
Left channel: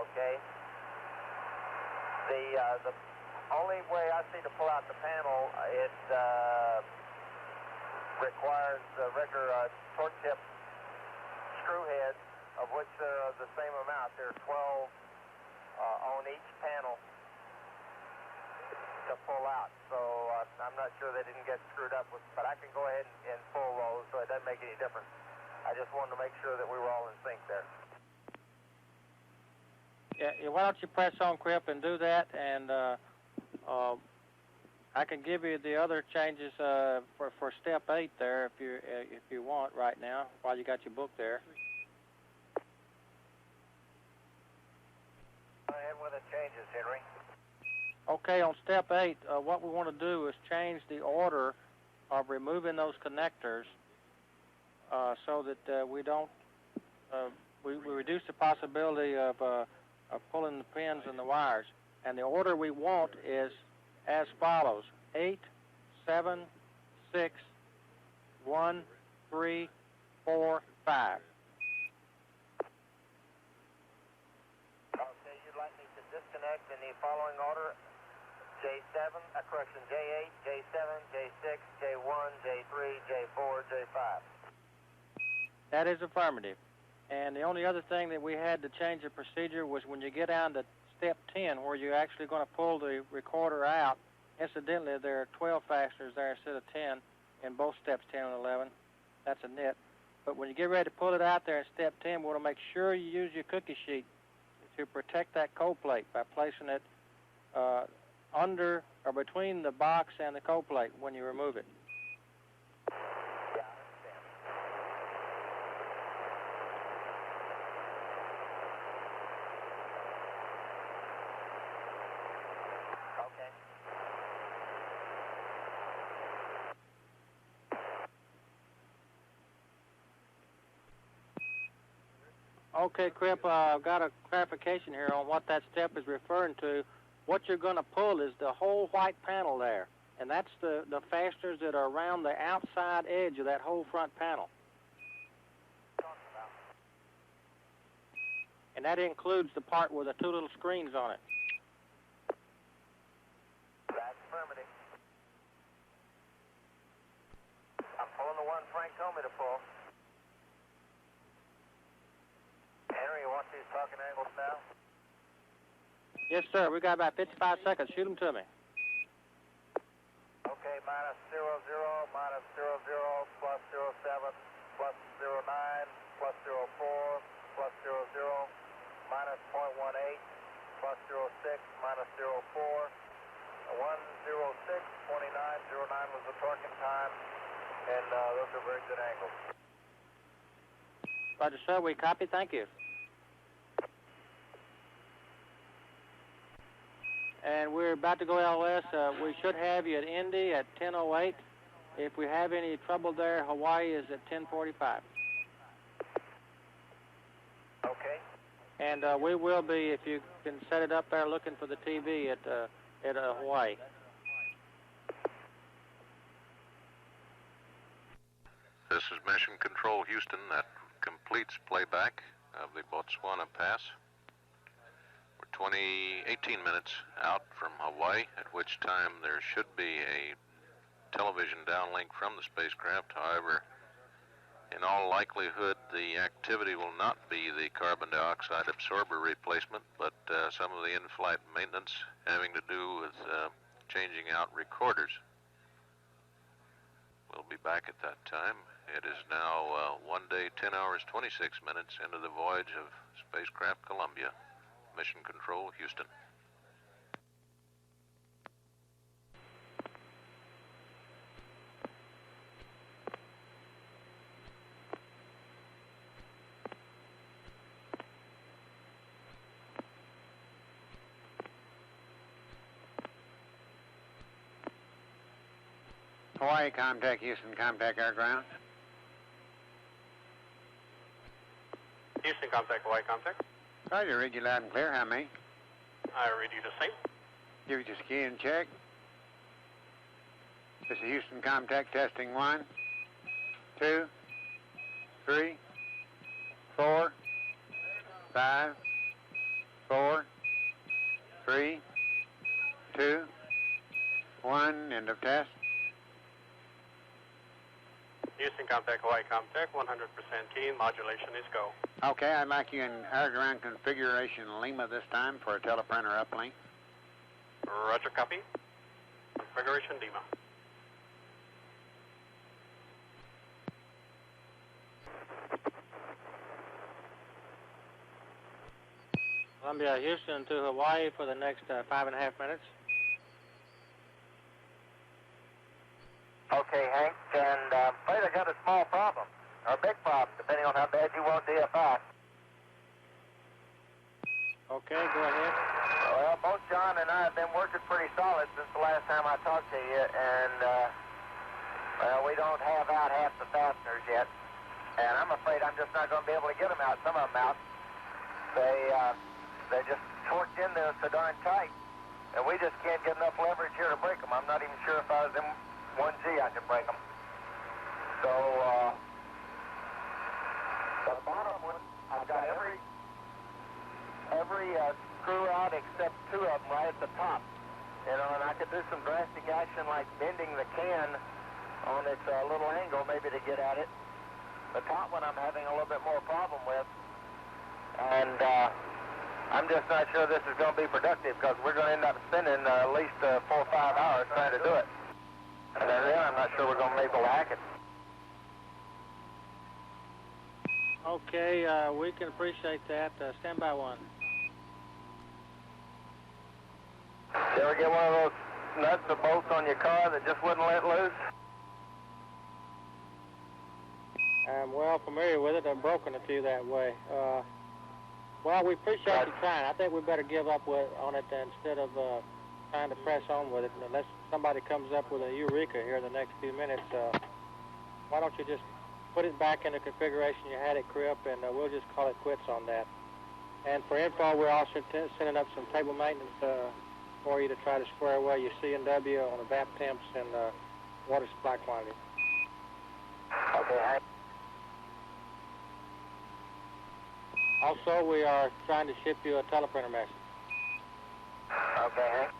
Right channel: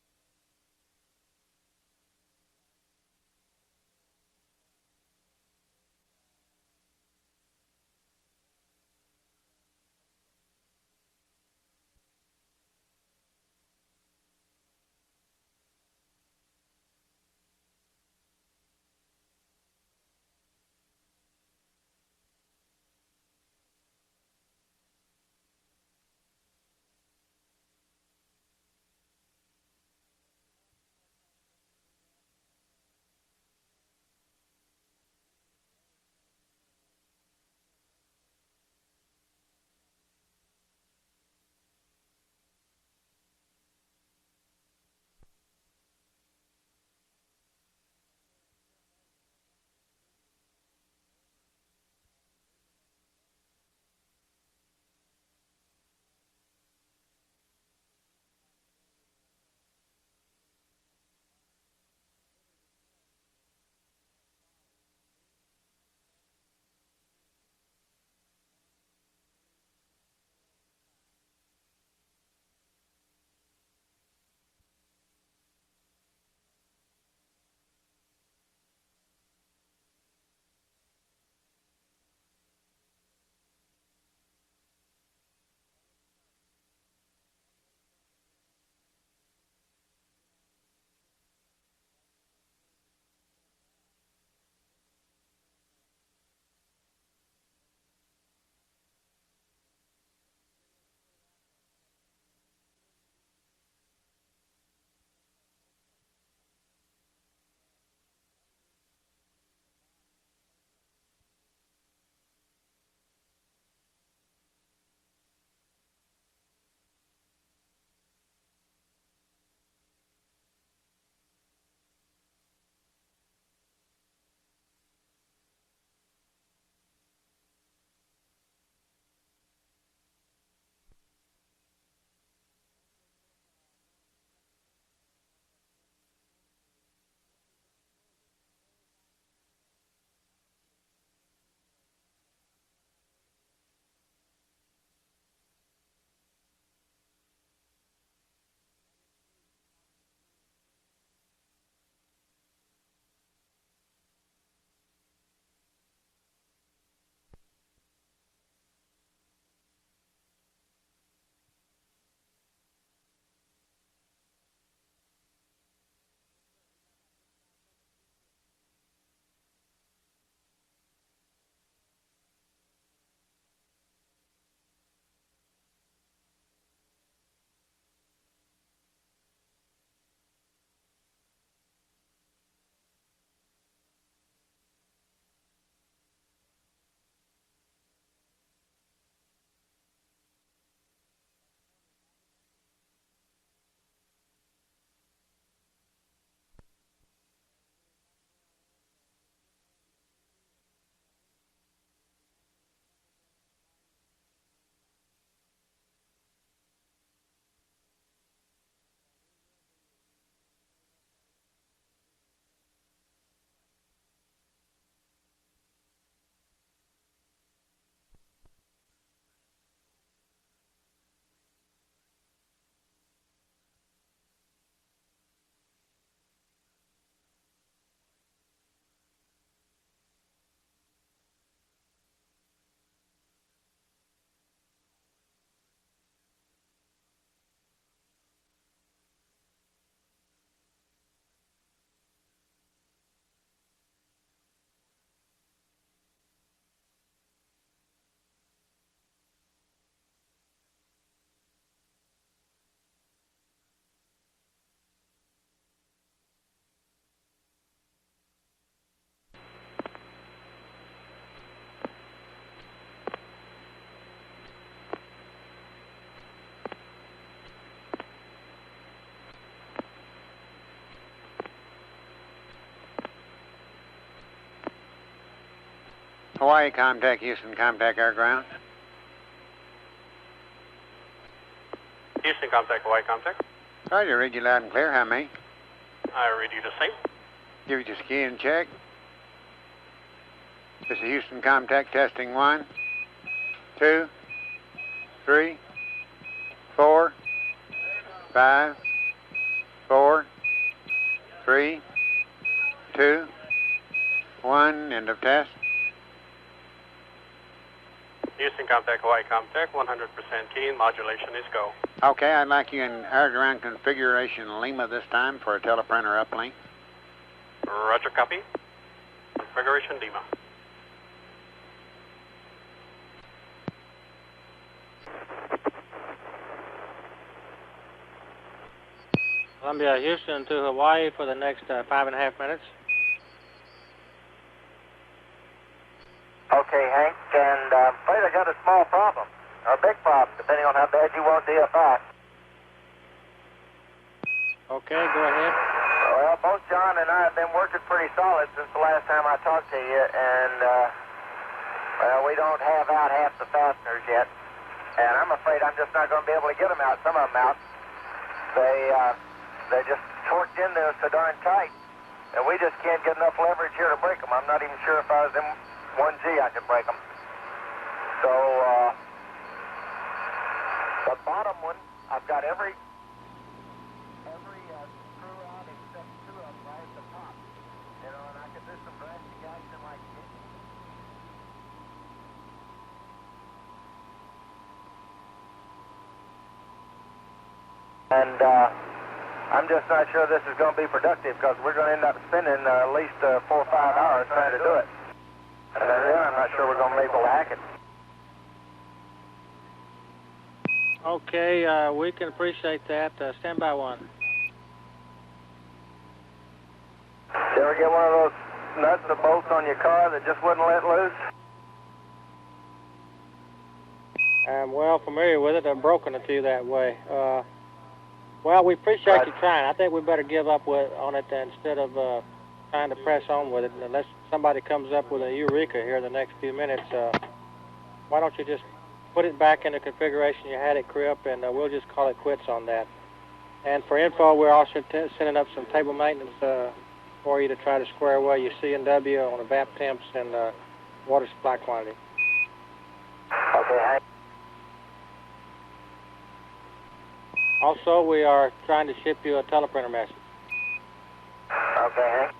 Okay. The only way I see to pull out the panel, it requires regular torque tip screw heads, of which there are the same amount. There are 12 on each panel to pull out. So I'm not sure they didn't get screwed up with, but I can go ahead and pull those, so it doesn't make any difference. I just wanted to make sure that we were all in sync there. Yeah, why don't you press on, Cripp, and do that, and I can give you the other changes for step 8 there if you want right now while you got your book there. Go ahead with the changes, Henry. Okay, on step 8, what we want to do is change the order of removing those connectors so that we don't we reduce the possibility of pulling the pins and the wires. And the order we want is as follows: 8, 7, 6, 1, 3, 4, 5. Okay, you'd like me to disconnect in the following order: J7, correction, J8, J7, J6, J1, J3, J4, J5. That is affirmative. And the only other thing that we had to change the procedure was when you get down to step 10, where you're actually going to pull the recorder out. Incidentally, there are 12 fasteners there instead of 10 in both steps 10 and 11. That's a nit. But when you get ready to pull it out there in step 10, we want to make sure you use your cookie sheet to protect that cold plate by placing it under or between the box and the cold plate when you remove it. Okay, Cripp, I've got a clarification here on what that step is referring to. What you're going to pull is the whole white panel there, and that's the fasteners that are around the outside edge of that whole front panel. And that includes the part with the 2 little screens on it. That's affirmative. I'm pulling the one Frank told me to pull. Henry, you want these talking angles now? Yes, sir. We got about 55 seconds. Shoot them to me. Okay, minus 00, minus 00, plus 07, plus 09, plus 04, plus 00, minus 0.18, plus 06, minus 04, 106, 29, 09 was the torquing time, and those are very good angles. Roger, sir. We copy. Thank you. And we're about to go LS. We should have you at Indy at 10:08. If we have any trouble there, Hawaii is at 10:45. Okay. And we will be, if you can set it up there, looking for the TV at Hawaii. This is Mission Control Houston. That completes playback of the Botswana Pass. We're 18 minutes out from Hawaii, at which time there should be a television downlink from the spacecraft. However, in all likelihood, the activity will not be the carbon dioxide absorber replacement, but some of the in-flight maintenance having to do with changing out recorders. We'll be back at that time. It is now 1 day, 10 hours, 26 minutes into the voyage of spacecraft Columbia. Mission Control, Houston. Hawaii, contact Houston, contact air ground. Houston, contact Hawaii, contact. Roger, read you loud and clear. How many? I read you the same. Give you just key and check. This is Houston, contact testing 1, 2, 3, 4, 5, 4, 3, 2, 1, end of test. Houston, contact Hawaii, contact 100% key. Modulation is go. Okay, I'd like you in air ground configuration Lima this time for a teleprinter uplink. Roger, copy. Configuration Lima. Columbia, Houston to Hawaii for the next 5.5 minutes. Okay, Hank, and I'm afraid I got a small problem, or a big problem, depending on how bad you want DFI. Okay, go ahead. Well, both John and I have been working pretty solid since the last time I talked to you, and, well, we don't have out half the fasteners yet, and I'm afraid I'm just not going to be able to get them out, some of them out. They're just torqued in there so darn tight, and we just can't get enough leverage here to break them. I'm not even sure if I was in 1G I could break them. So, the bottom one, I've got every screw out except 2 of them right at the top. You know, and I could do some drastic action like bending the can on its little angle maybe to get at it. The top one I'm having a little bit more problem with. And I'm just not sure this is going to be productive because we're going to end up spending at least 4 or 5 hours trying to do it. And then I'm not sure we're going to be able to hack it. Okay, we can appreciate that. Stand by one. You ever get one of those nuts or bolts on your car that just wouldn't let loose? I'm well familiar with it. I've broken a few that way. Well, we appreciate you trying. I think we better give up on it instead of trying to press on with it. Unless somebody comes up with a eureka here in the next few minutes, why don't you just put it back in the configuration you had it, Cripp, and we'll just call it quits on that. And for info, we're also sending up some table maintenance for you to try to square away your C&W on the vap temps and water supply quantity. Okay, Hank. Also, we are trying to ship you a teleprinter message. Okay, Hank.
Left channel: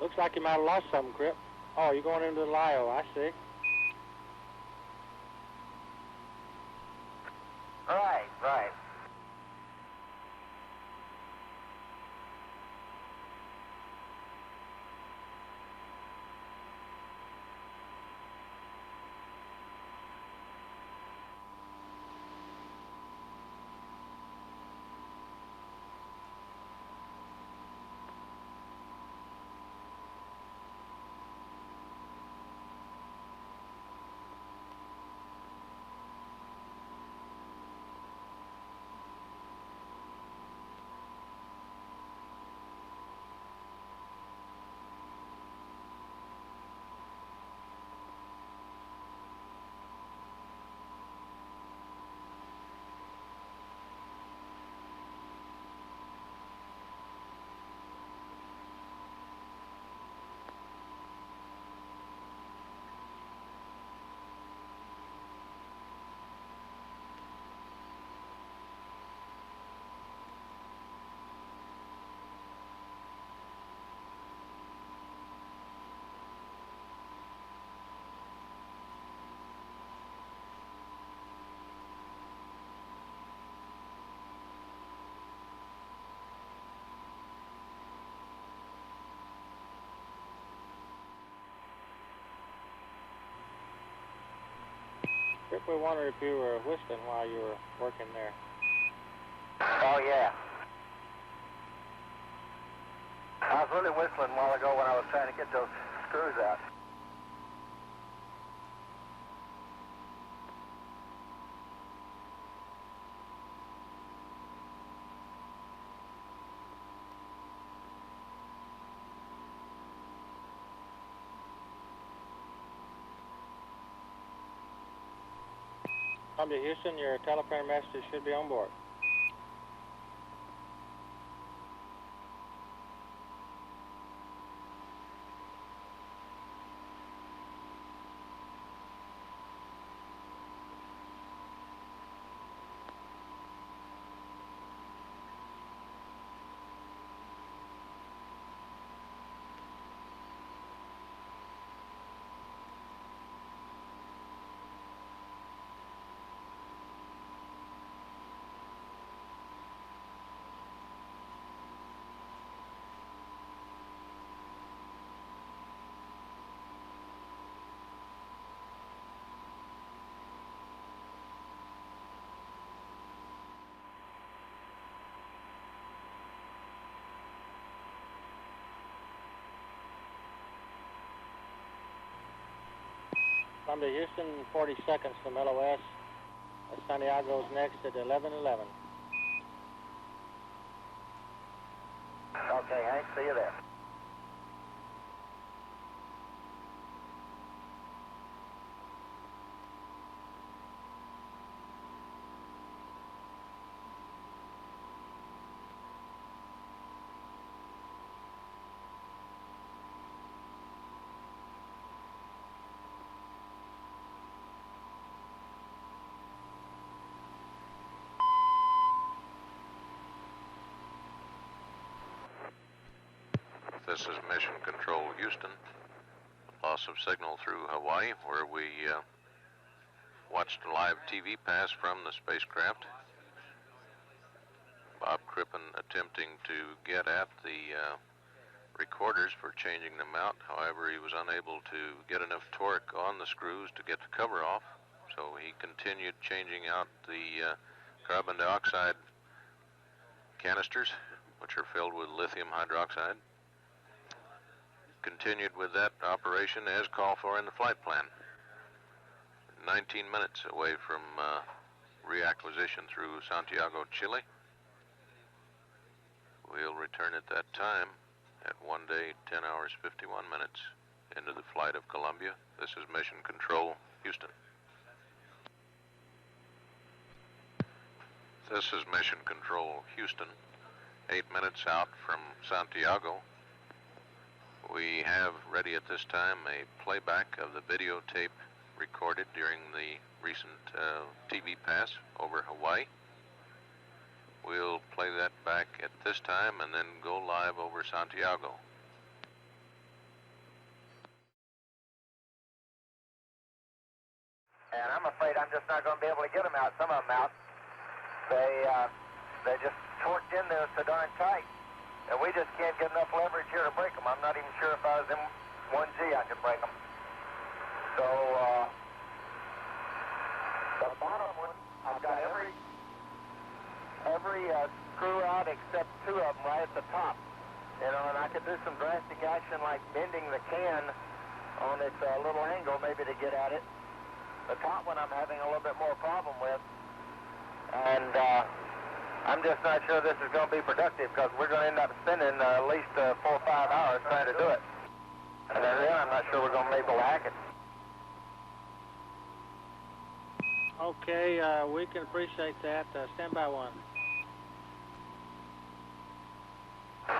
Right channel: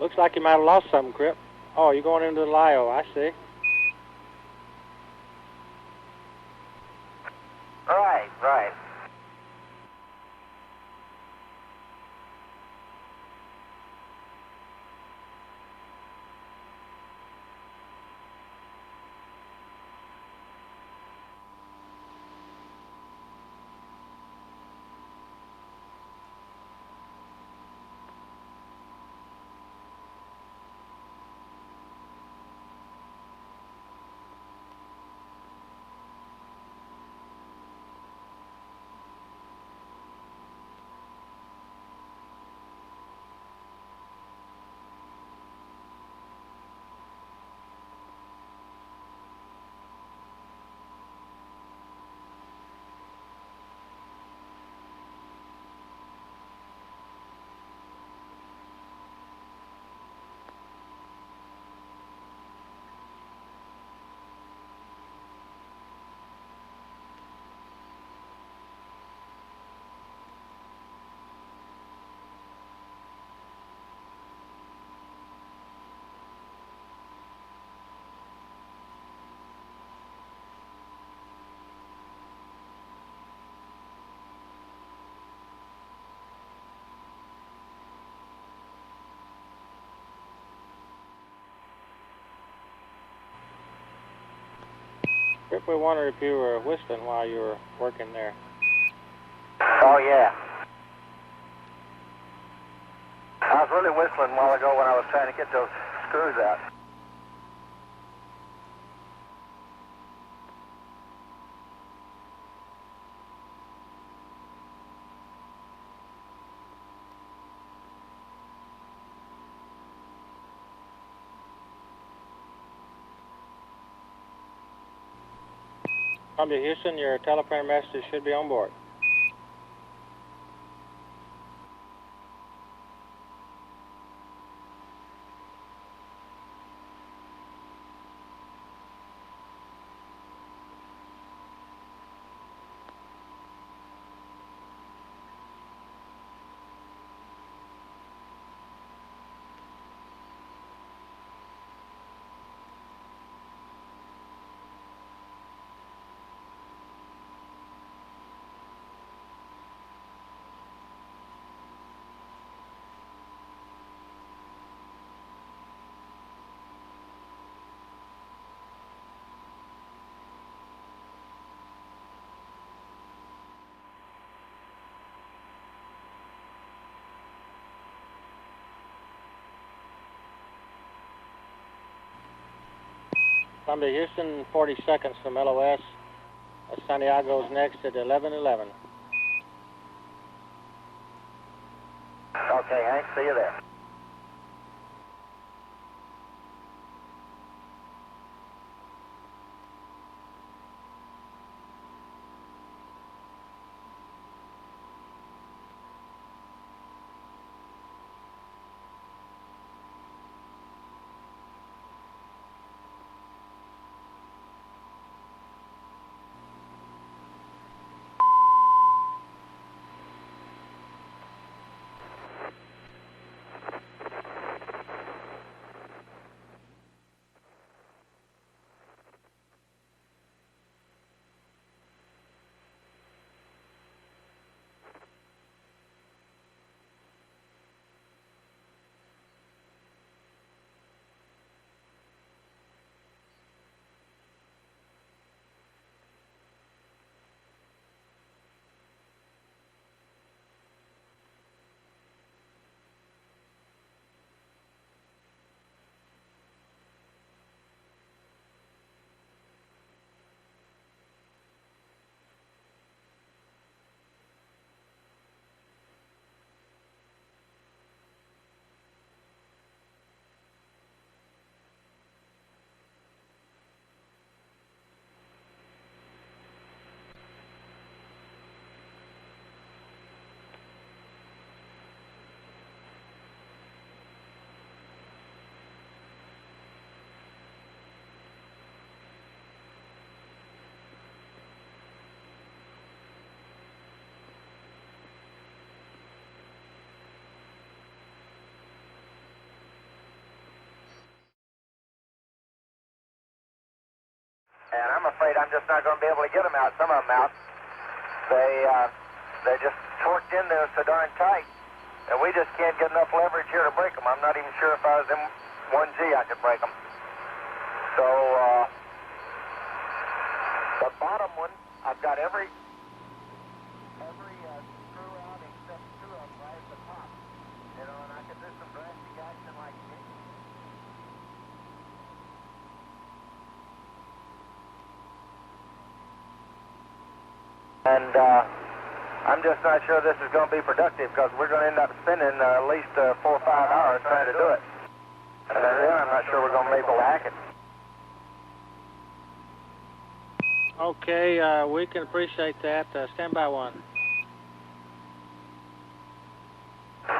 Looks like you might have lost something, Cripp. Oh, you're going into the LIO, I see. Right. Trip, we wondered if you were whistling while you were working there. Oh, yeah. I was really whistling a while ago when I was trying to get those screws out. Columbia, Houston, your telephone message should be on board. Columbia, Houston, 40 seconds from LOS. Santiago's next at 11:11. Okay, Hank, see you there. This is Mission Control Houston. Loss of signal through Hawaii, where we watched a live TV pass from the spacecraft. Bob Crippen attempting to get at the recorders for changing them out. However, he was unable to get enough torque on the screws to get the cover off, so he continued changing out the carbon dioxide canisters, which are filled with lithium hydroxide. Continued with that operation as called for in the flight plan. 19 minutes away from reacquisition through Santiago, Chile. We'll return at that time at 1 day, 10 hours, 51 minutes into the flight of Columbia. This is Mission Control, Houston. This is Mission Control, Houston. 8 minutes out from Santiago. We have ready at this time a playback of the videotape recorded during the recent TV pass over Hawaii. We'll play that back at this time and then go live over Santiago. And I'm afraid I'm just not going to be able to get them out, some of them out. They're just torqued in there so darn tight. And we just can't get enough leverage here to break them. I'm not even sure if I was in 1G I could break them. So, the bottom one, I've got every screw out except 2 of them right at the top. You know, and I could do some drastic action like bending the can on its little angle maybe to get at it. The top one I'm having a little bit more problem with. And, I'm just not sure this is going to be productive because we're going to end up spending at least 4 or 5 hours trying to do it. And then I'm not sure we're going to be able to hack it. Okay, we can appreciate that. Stand by one.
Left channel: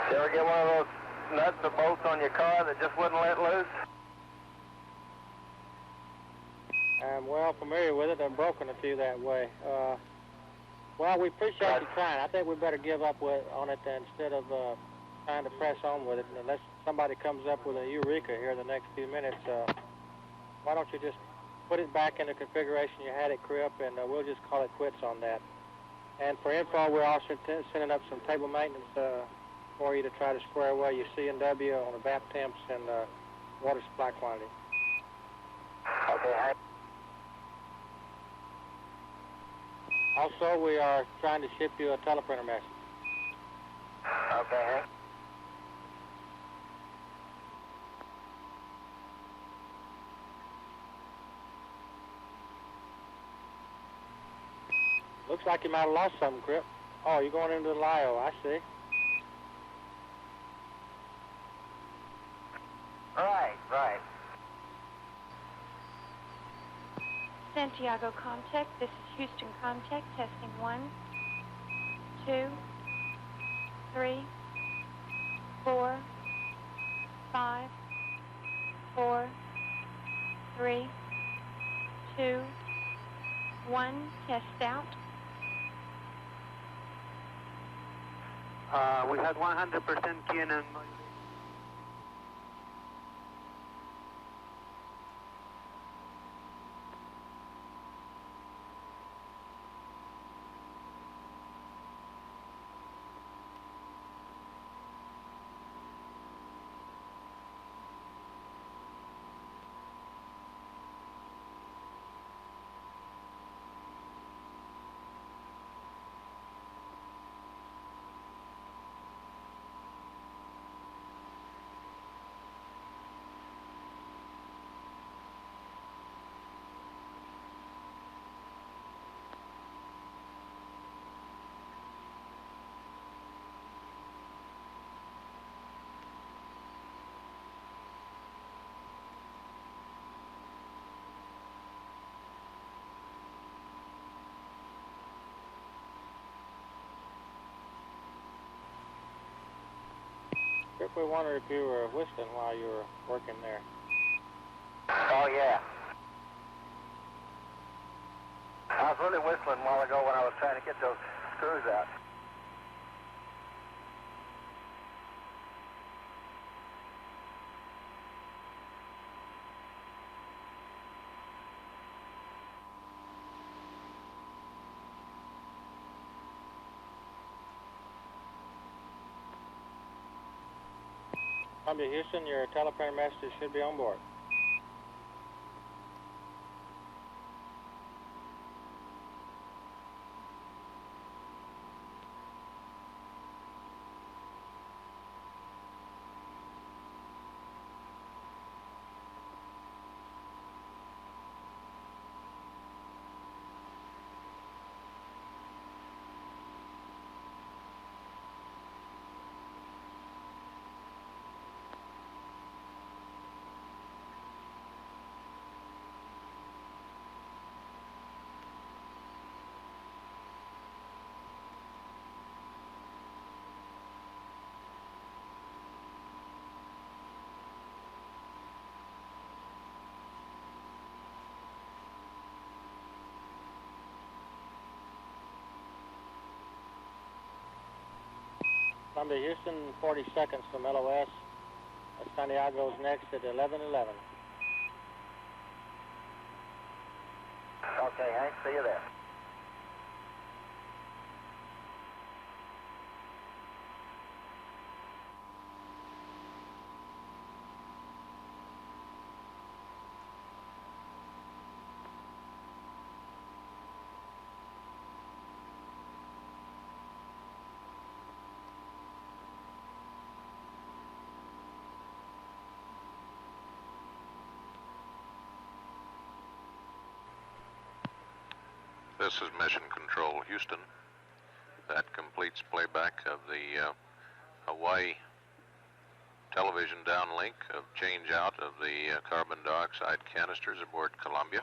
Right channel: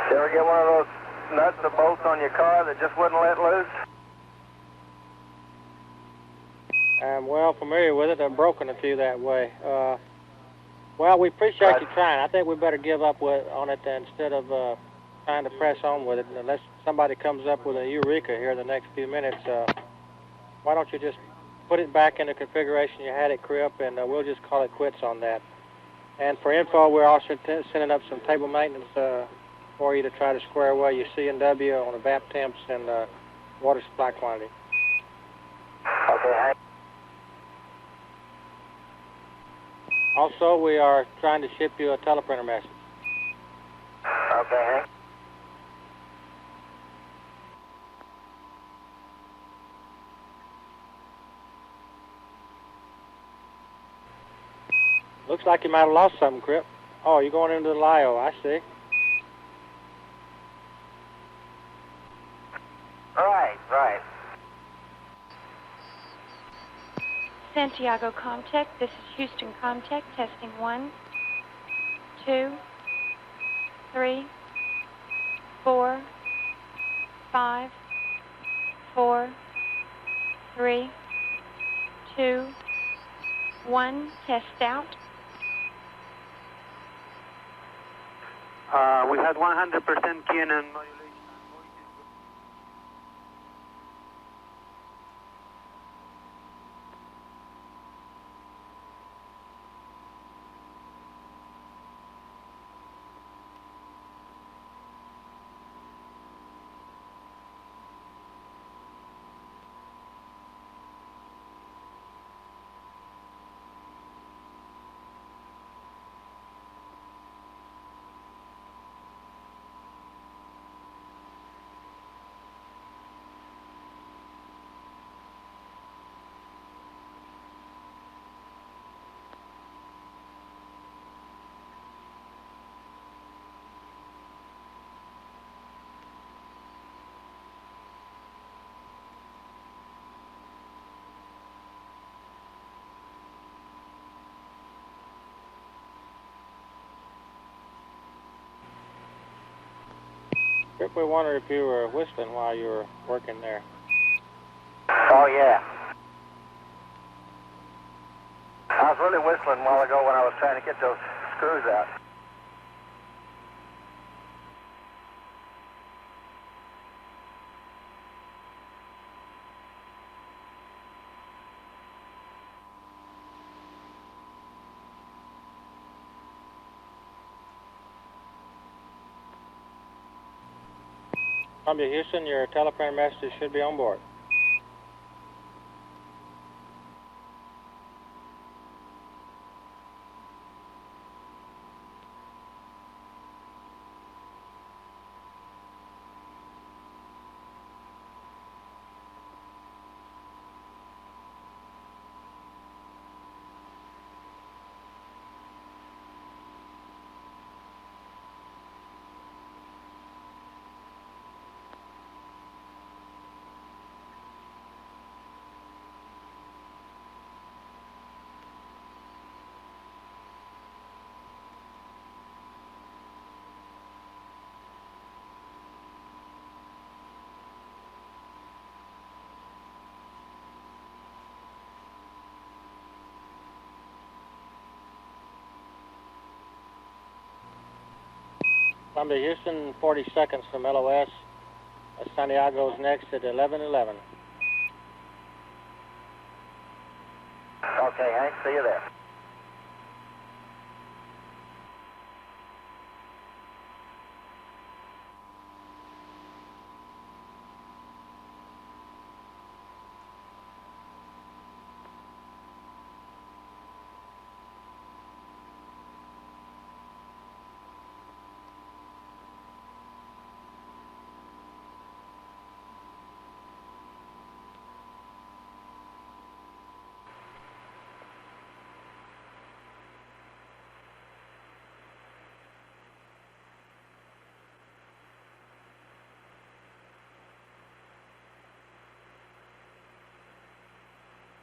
You ever get one of those nuts or bolts on your car that just wouldn't let loose? I'm well familiar with it. I've broken a few that way. Well, we appreciate you trying. I think we better give up on it instead of trying to press on with it. Unless somebody comes up with a eureka here in the next few minutes, why don't you just put it back in the configuration you had it, Cripp, and we'll just call it quits on that. And for info, we're also sending up some table maintenance for you to try to square away your C&W on the vap temps and water supply quantity. Okay, Also, we are trying to ship you a teleprinter message. Okay, Hank. Looks like you might have lost something, Cripp. Oh, you're going into the LIO, I see. Right. Santiago Comtech, this is Houston Comtech, testing 1, 2, 3, 4, 5, 4, 3, 2, 1, test out. We had 100% Canon. Cripp, we wondered if you were whistling while you were working there. Oh, yeah. I was really whistling a while ago when I was trying to get those screws out. Columbia, Houston, your teleprinter message should be on board. Columbia, Houston, 40 seconds from LOS. Santiago's next at 11:11. Okay, Hank, see you there. This is Mission Control, Houston. That completes playback of the Hawaii television downlink of change out of the carbon dioxide canisters aboard Columbia.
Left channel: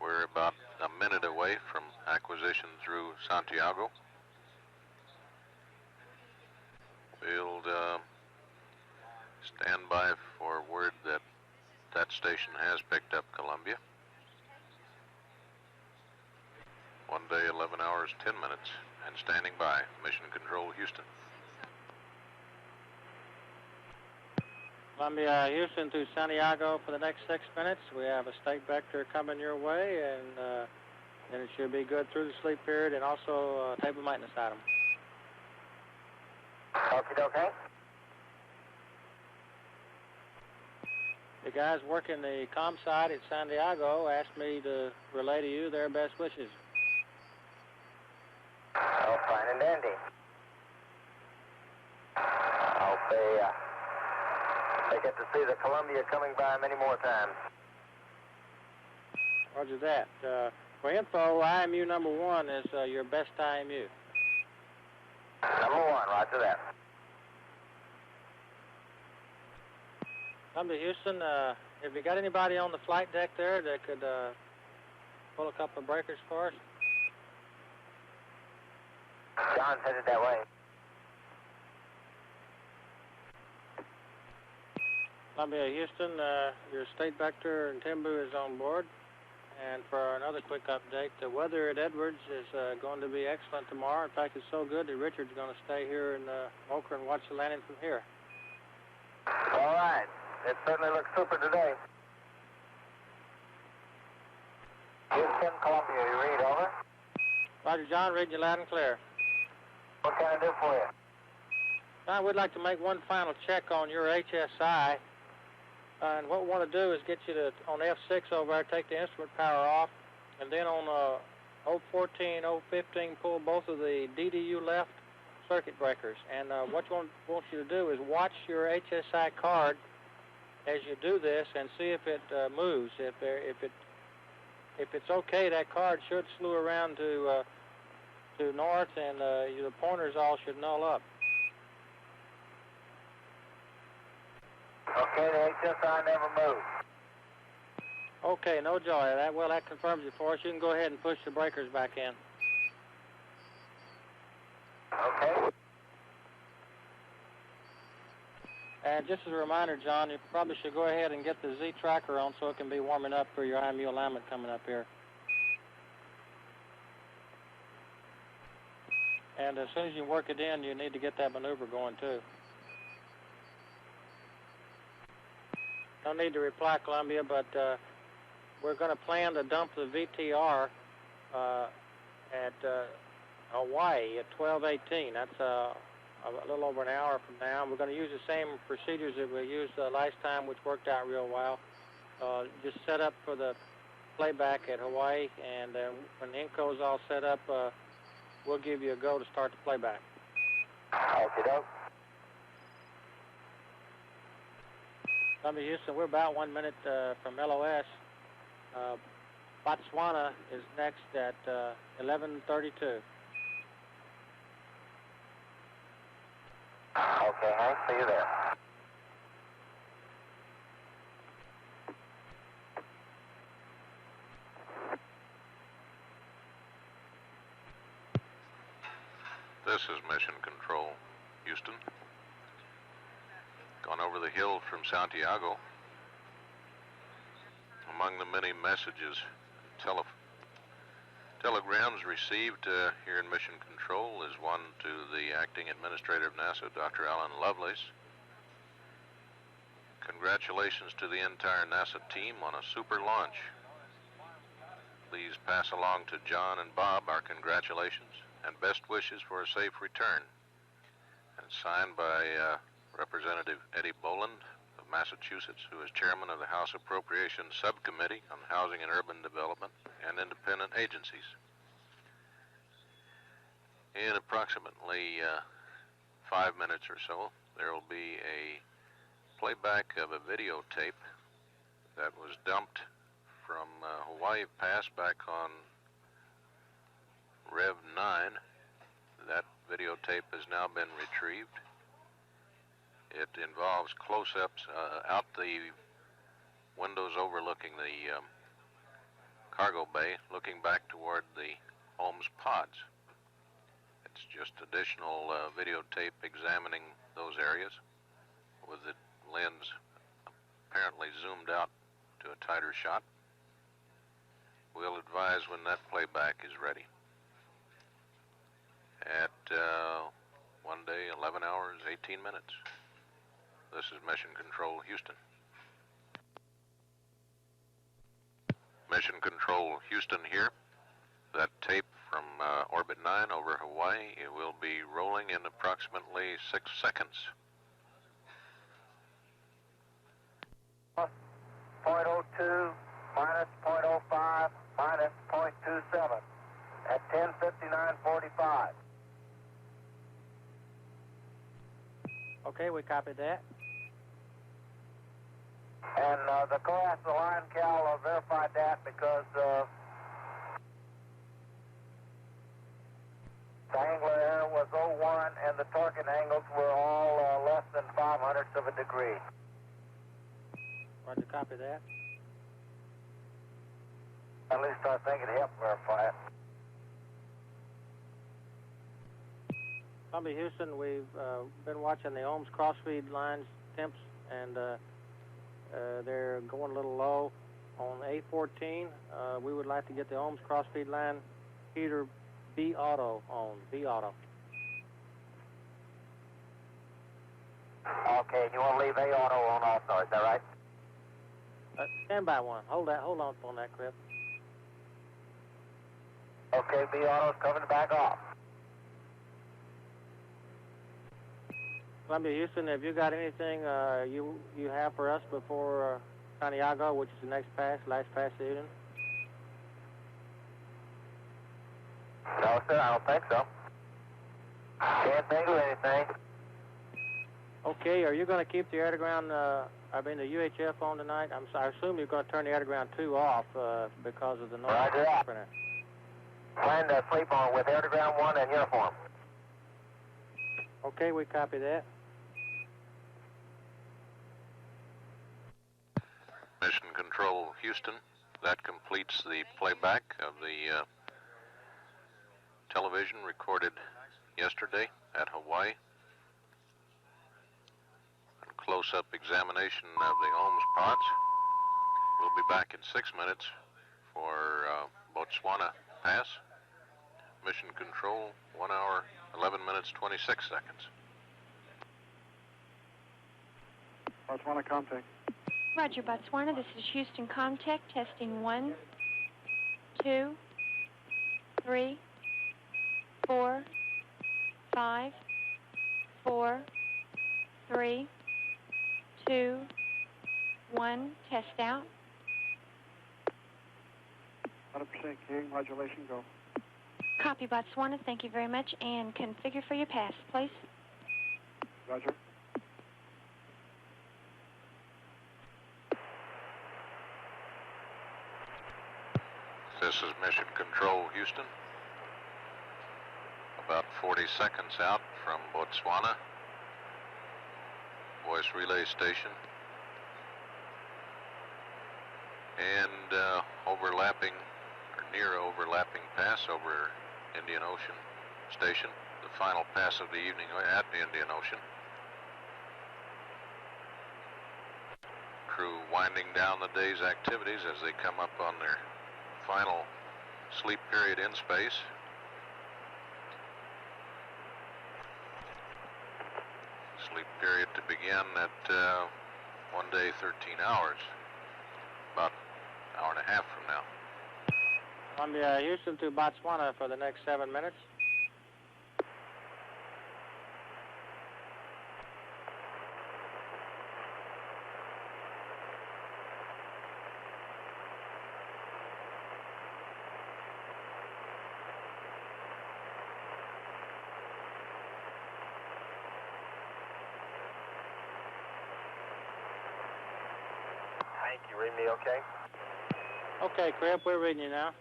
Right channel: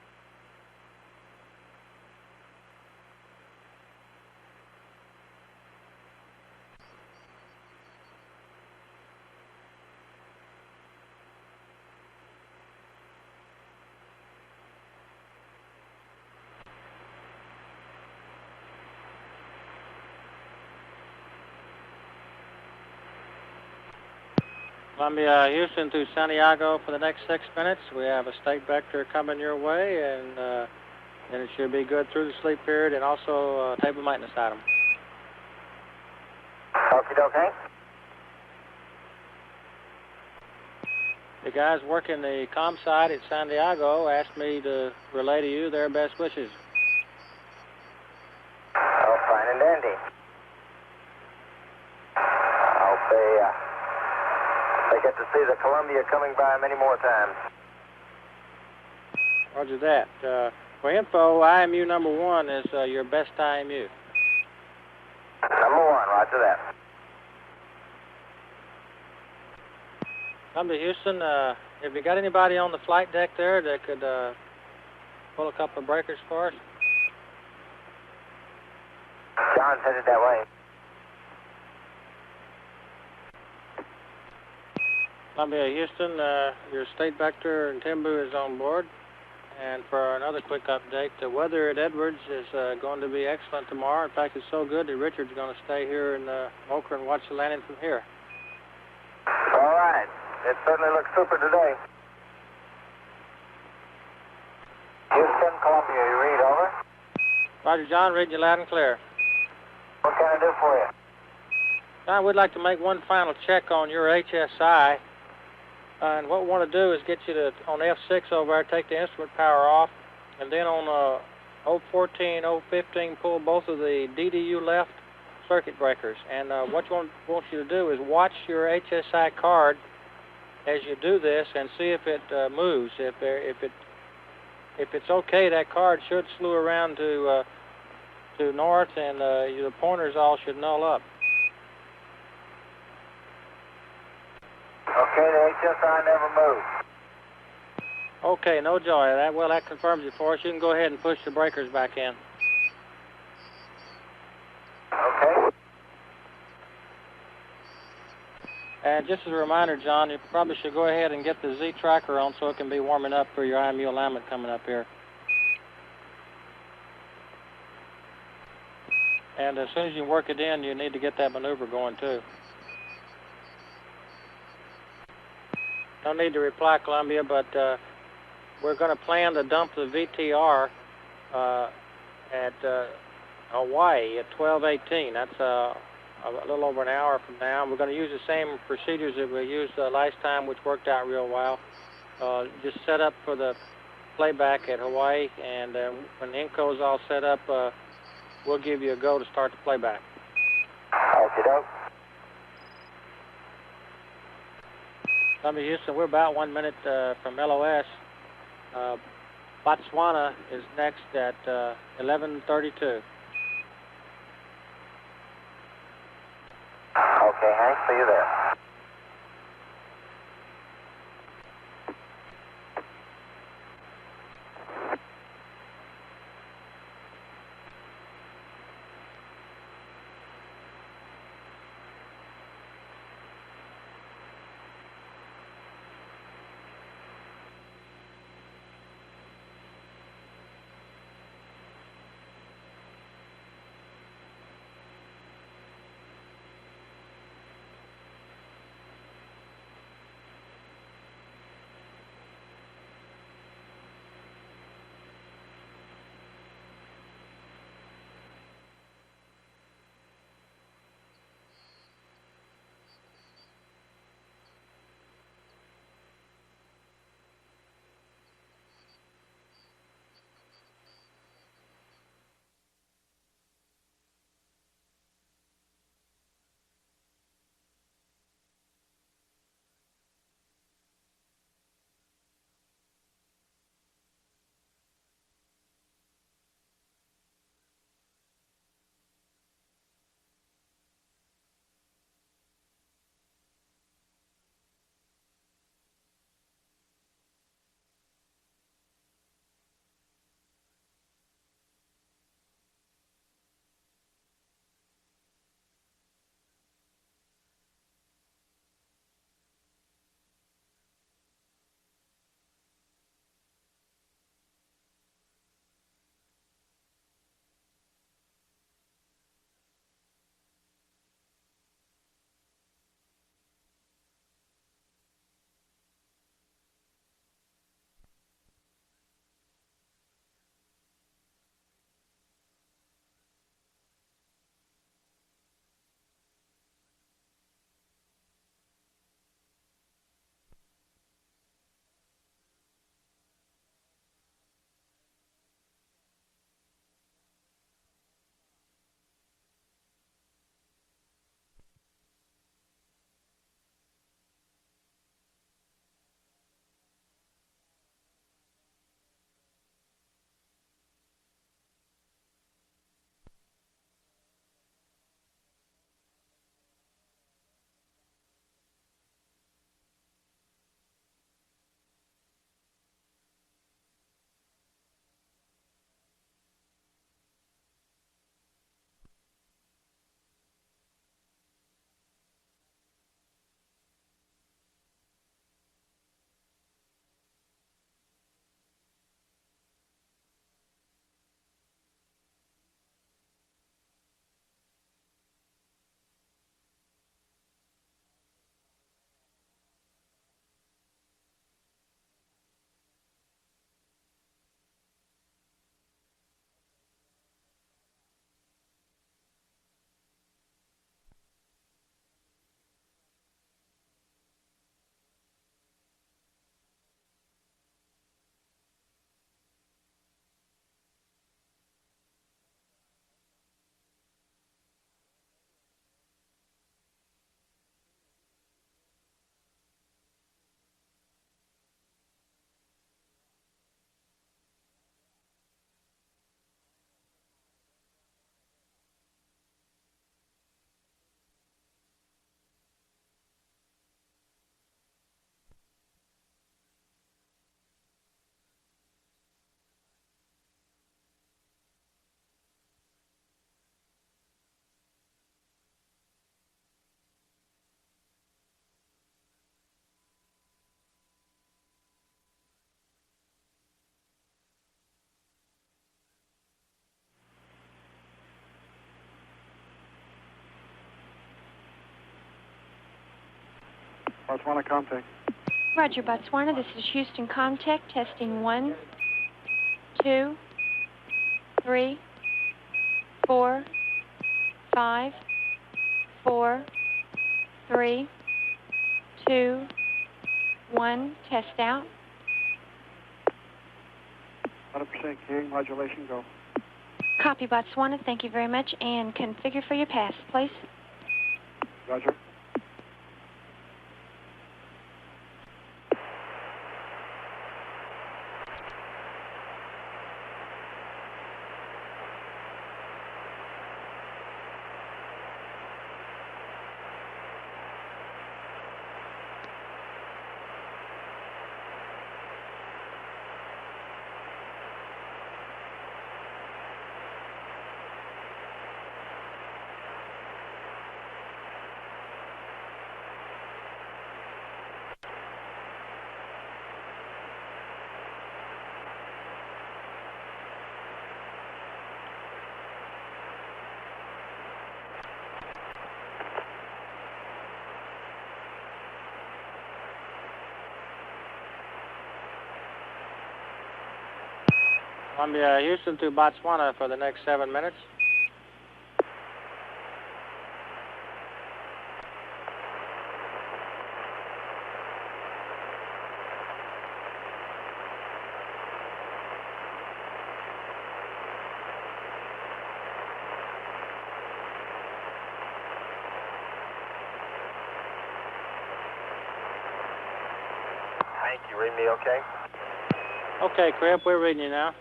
We're about a minute away from acquisition through Santiago. We'll stand by for word that that station has picked up Columbia. 1 day, 11 hours, 10 minutes, and standing by. Mission Control, Houston. Columbia, Houston to Santiago for the next 6 minutes. We have a state vector coming your way, and it should be good through the sleep period, and also a table maintenance item. Okie doke, Hank. The guys working the comm site at Santiago asked me to relay to you their best wishes. and dandy. I hope they get to see the Columbia coming by many more times. Roger that. For info, IMU number 1 is your best IMU. Number 1, roger that. Come to Houston. Have you got anybody on the flight deck there that could pull a couple of breakers for us? John's headed that way. Columbia, Houston, your state vector and Timbu is on board. And for another quick update, the weather at Edwards is going to be excellent tomorrow. In fact, it's so good that Richard's going to stay here in Mocha and watch the landing from here. All right. It certainly looks super today. Houston, Columbia, you read, over? Roger, John, reading you loud and clear. What can I do for you? John, we'd like to make one final check on your HSI. And what we want to do is get you to, on F6 over there, take the instrument power off, and then on 014, 015, pull both of the DDU left circuit breakers. And what we want you to do is watch your HSI card as you do this and see if it moves. If it's okay, that card should slew around to north, and the pointers all should null up. Okay, the HSI never moved. Okay, no joy. That confirms it for us. You can go ahead and push the breakers back in. Okay. And just as a reminder, John, you probably should go ahead and get the Z tracker on so it can be warming up for your IMU alignment coming up here. And as soon as you work it in, you need to get that maneuver going too. No need to reply, Columbia, but we're going to plan to dump the VTR at Hawaii at 12:18. That's a little over an hour from now. We're going to use the same procedures that we used last time, which worked out real well. Just set up for the playback at Hawaii, and when the Inco's all set up, we'll give you a go to start the playback. Okie doke. Columbia, Houston, we're about 1 minute from LOS. Botswana is next at 11:32. Okay, Hank, see you there. This is Mission Control, Houston. Gone over the hill from Santiago. Among the many messages, telegrams received here in Mission Control is one to the Acting Administrator of NASA, Dr. Alan Lovelace. Congratulations to the entire NASA team on a super launch. Please pass along to John and Bob our congratulations and best wishes for a safe return. And signed by Representative Eddie Boland of Massachusetts, who is chairman of the House Appropriations Subcommittee on Housing and Urban Development and Independent Agencies. In approximately 5 minutes or so, there will be a playback of a videotape that was dumped from Hawaii Pass back on Rev 9. That videotape has now been retrieved. It involves close-ups out the windows overlooking the cargo bay, looking back toward the Holmes pods. It's just additional videotape examining those areas with the lens apparently zoomed out to a tighter shot. We'll advise when that playback is ready. At one day, 11 hours, 18 minutes. This is Mission Control, Houston. Mission Control, Houston here. That tape from Orbit 9 over Hawaii, it will be rolling in approximately 6 seconds. +0.02, -0.05, -0.27 at 10:59:45. Okay, we copied that. And the class, the line cal verified that because the angular error was 01 and the target angles were all less than 0.05 of a degree. Roger, copy that. At least I think it helped verify it. Columbia, Houston, we've been watching the ohms crossfeed lines temps, and they're going a little low. On A14, we would like to get the ohms crossfeed line heater B auto on, B auto. Okay, you want to leave A auto on also, is that right? Stand by one. Hold on on that, Crippen. Okay, B auto's coming back off. Columbia, Houston, have you got anything you have for us before Santiago, which is the next pass, last pass of the evening? No, sir, I don't think so. Can't think of anything. Okay, are you going to keep the air-to-ground, the UHF on tonight? I assume you're going to turn the air-to-ground 2 off because of the noise. Roger that. Plan to sleep on with air-to-ground 1 and uniform. Okay, we copy that. Mission Control Houston, that completes the playback of the television recorded yesterday at Hawaii. A close-up examination of the ohms pods. We'll be back in 6 minutes for Botswana pass. Mission Control, 1 hour, 11 minutes, 26 seconds. Botswana contact. Roger, Botswana. This is Houston Contact, testing 1, 2, 3, 4, 5, 4, 3, 2, 1. Test out. 100% hearing modulation, go. Copy, Botswana. Thank you very much. And configure for your pass, please. Roger. This is Mission Control Houston. About 40 seconds out from Botswana. Voice relay station. And near overlapping pass over Indian Ocean Station. The final pass of the evening at Indian Ocean. Crew winding down the day's activities as they come up on their final sleep period in space. Sleep period to begin at 1 day, 13 hours. About an hour and a half from now. Columbia, Houston to Botswana for the next 7 minutes. Thank you. Read me okay? Okay, Crippen, we're reading you now.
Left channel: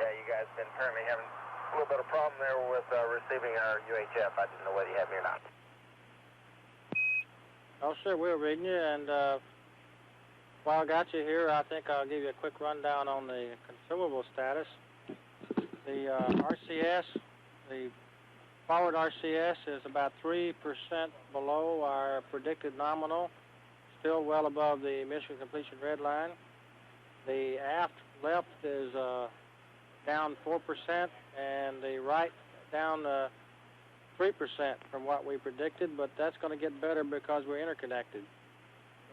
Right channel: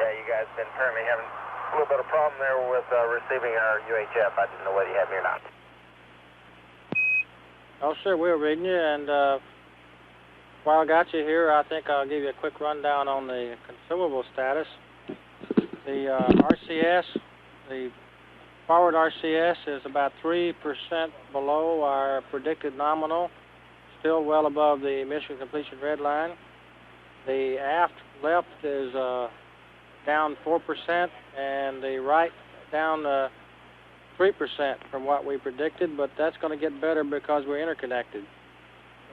Yeah, you guys been apparently having a little bit of problem there with receiving our UHF. I didn't know whether you had me or not. Oh, sure, we're reading you, and while I got you here, I think I'll give you a quick rundown on the consumable status. The RCS, the forward RCS is about 3% below our predicted nominal, still well above the mission completion red line. The aft left is down 4%, and the right down 3% from what we predicted, but that's going to get better because we're interconnected,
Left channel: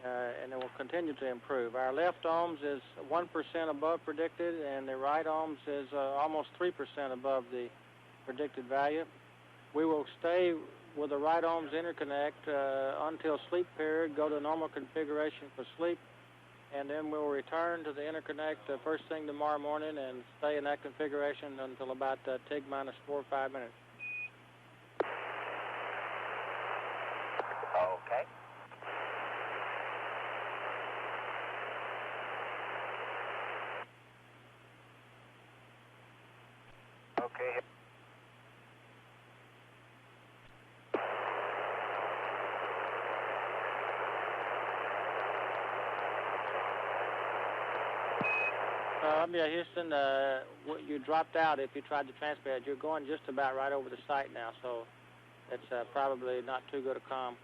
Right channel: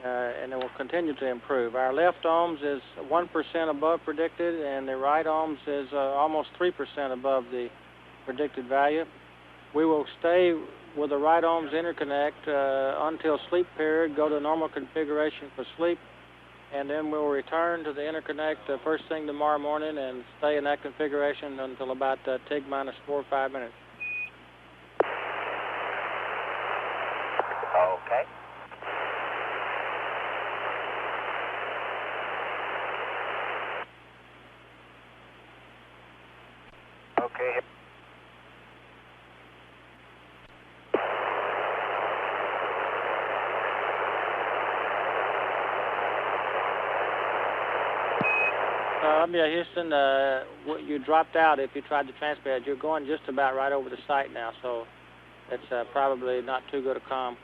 and it will continue to improve. Our left ohms is 1% above predicted, and the right ohms is almost 3% above the predicted value. We will stay with the right ohms interconnect until sleep period, go to normal configuration for sleep, and then we'll return to the interconnect first thing tomorrow morning and stay in that configuration until about TIG minus 4 or 5 minutes. Okay. Okay. Columbia, Houston, you dropped out if you tried to transmit. You're going just about right over the site now, so it's probably not too good a comm.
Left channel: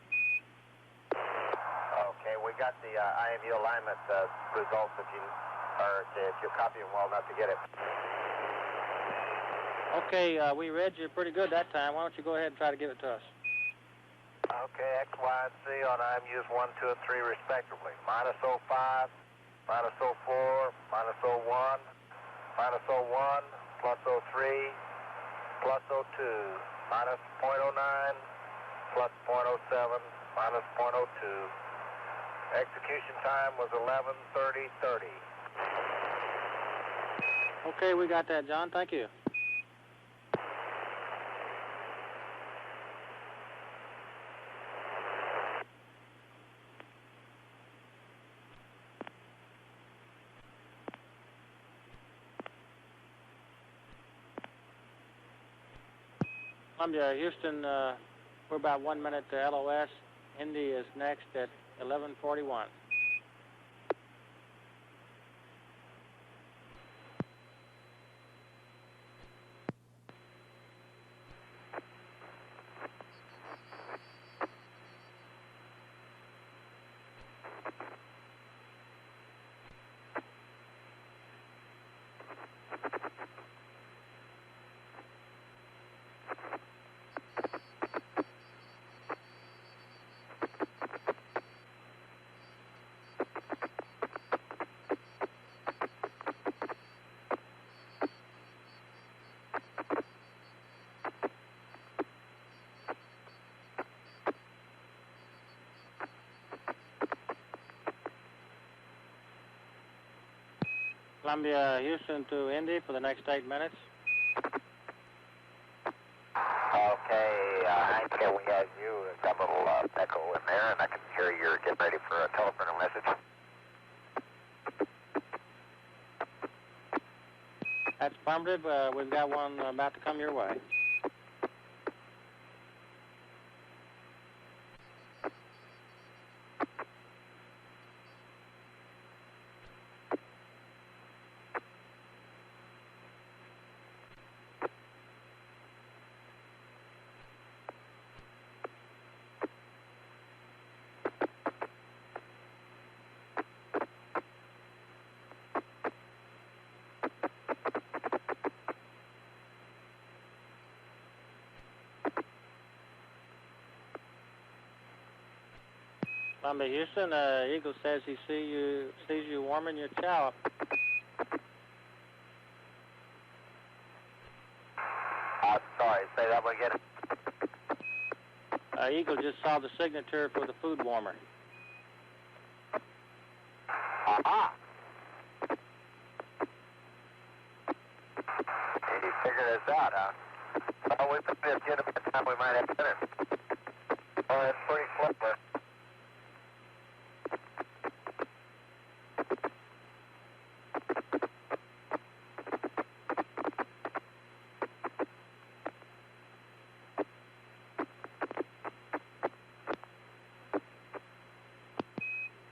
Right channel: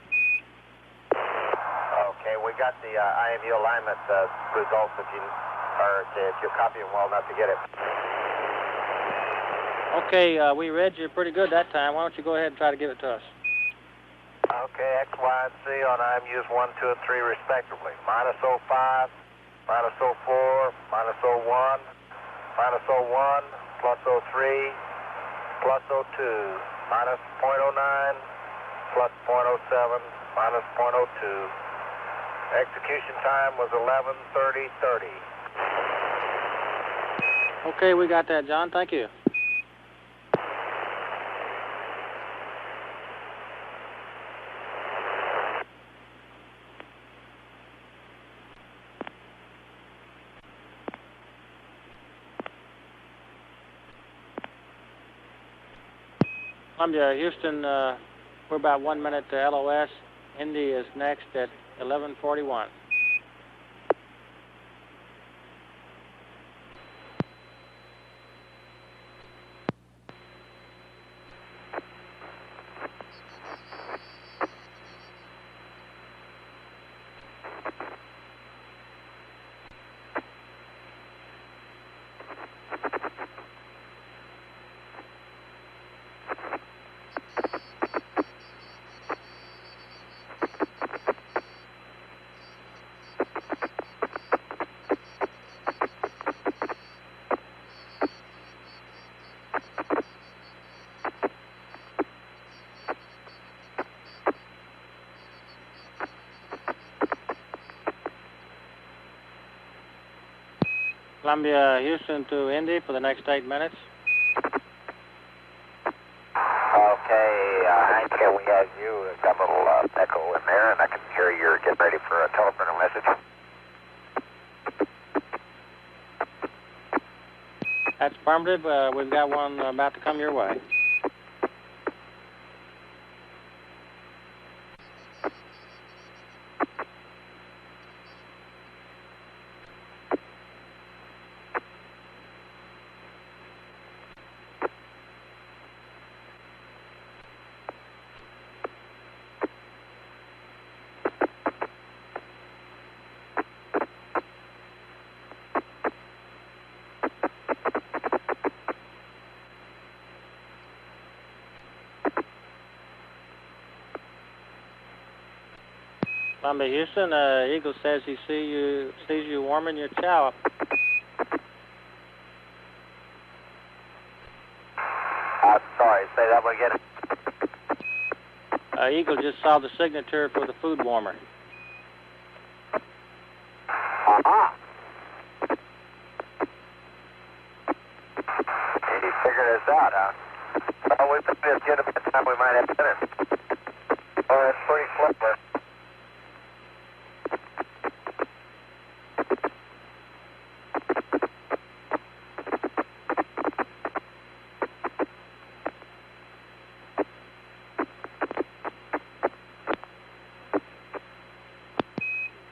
Okay, we got the IMU alignment results if you copy them well enough to get it. Okay, we read you pretty good that time. Why don't you go ahead and try to give it to us? Okay, X, Y, and Z on IMUs 1, 2, and 3 respectively. Minus 05, minus 04, minus 01, minus 01, plus 03, plus 02, minus 0.09, plus 0.07, minus 0.02. Execution time was 11:30:30. Okay, we got that, John. Thank you. Columbia, Houston, we're about 1 minute to LOS. Indy is next at 11:41. Columbia, Houston to Indy for the next 8 minutes. Okay, Hank, we have you. Got a little echo in there, and I can hear you're getting ready for a telephone message. That's affirmative. We've got one about to come your way. Columbia, Houston, Eagle says he sees you warming your chow up. Sorry, say that one again. Eagle just saw the signature for the food warmer. Uh-huh. He figured this out, huh? Well, we put this in a bit of time, we might have to finish. Oh, that's pretty clever.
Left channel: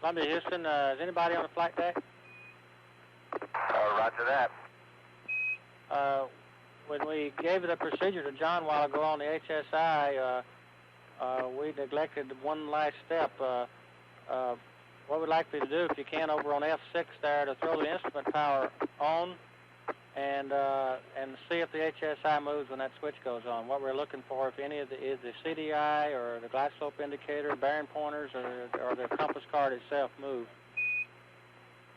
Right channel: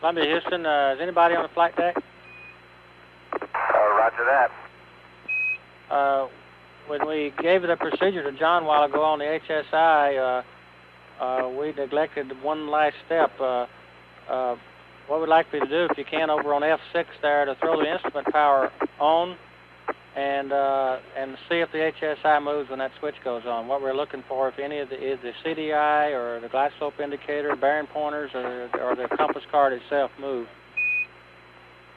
Columbia, Houston, is anybody on the flight deck? Roger that. When we gave the procedure to John a while ago on the HSI, we neglected one last step. What we'd like for you to do, if you can, over on F6 there, to throw the instrument power on and see if the HSI moves when that switch goes on. What we're looking for, if any of the CDI or the glide slope indicator, bearing pointers, or the compass card itself move.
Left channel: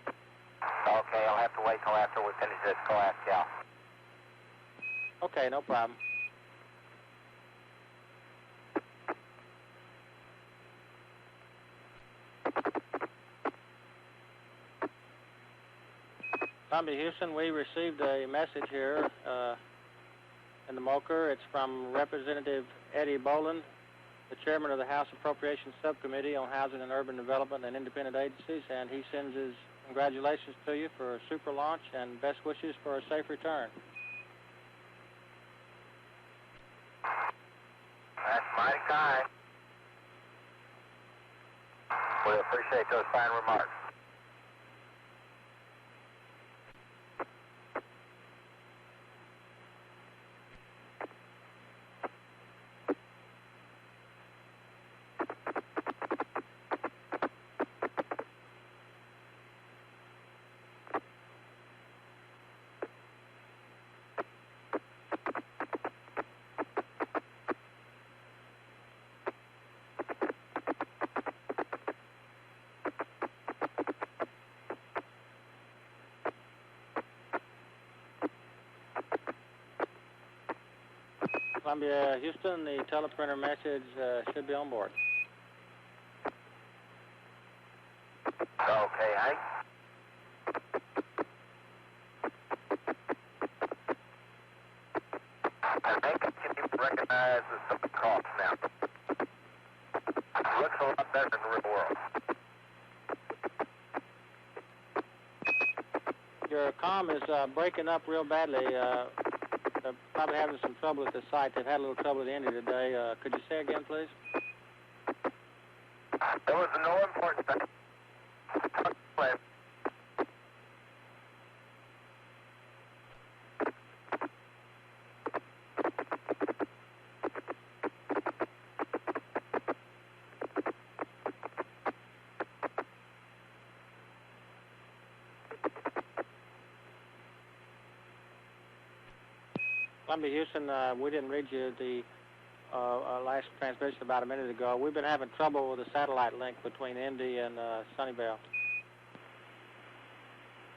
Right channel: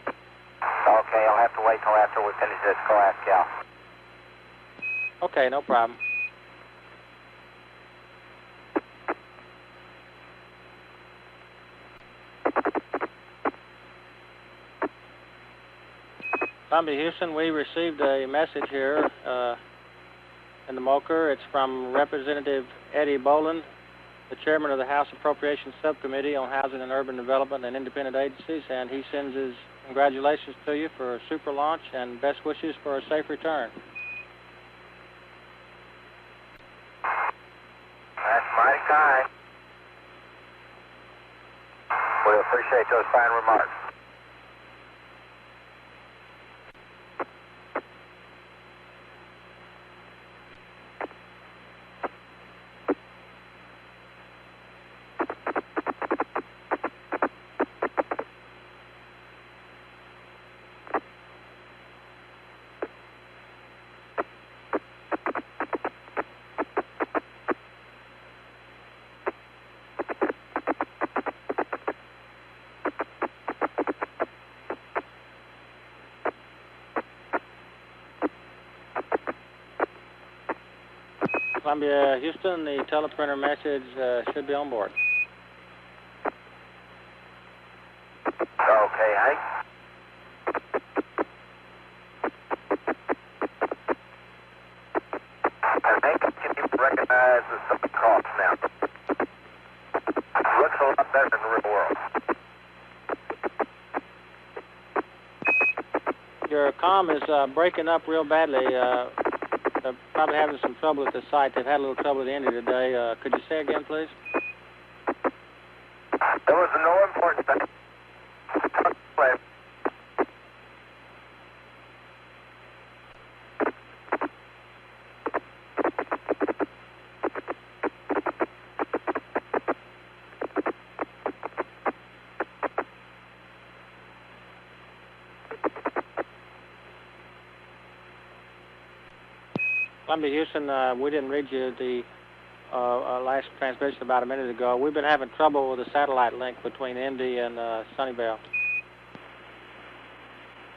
Okay, I'll have to wait till after we finish this. Go ask Cal. Okay, no problem. Columbia, Houston, we received a message here in the MOCR. It's from Representative Eddie Boland. the chairman of the House Appropriations Subcommittee on Housing and Urban Development and Independent Agencies, and he sends his congratulations to you for a super launch and best wishes for a safe return. That's mighty kind. We appreciate those fine remarks. Columbia, Houston, the teleprinter message should be on board. Okay, Hank. And Hank, can you recognize the Southern Cross now? Looks a lot better in the real world. Your comm is breaking up real badly. They're probably having some trouble at the site. They've had a little trouble at the end of the day. Could you say again, please? There was no important thing. Columbia, Houston, we didn't read you the last transmission about a minute ago. We've been having trouble with the satellite link between Indy and Sunnyvale.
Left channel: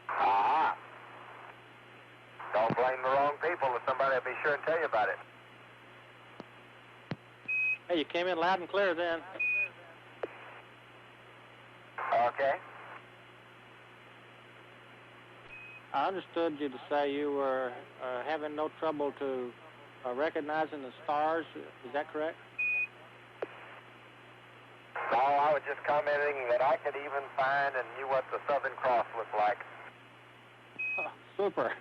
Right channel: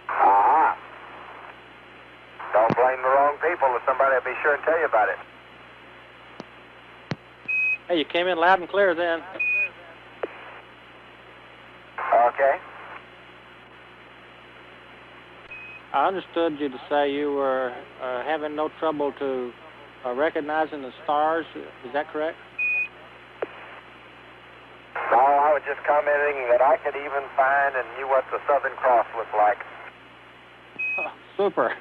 Ah. Don't blame the wrong people, or somebody will be sure and tell you about it. Hey, you came in loud and clear then. Okay. I understood you to say you were having no trouble to recognizing the stars. Is that correct? No, I was just commenting that I could even find and knew what the Southern Cross looked like. Oh, super.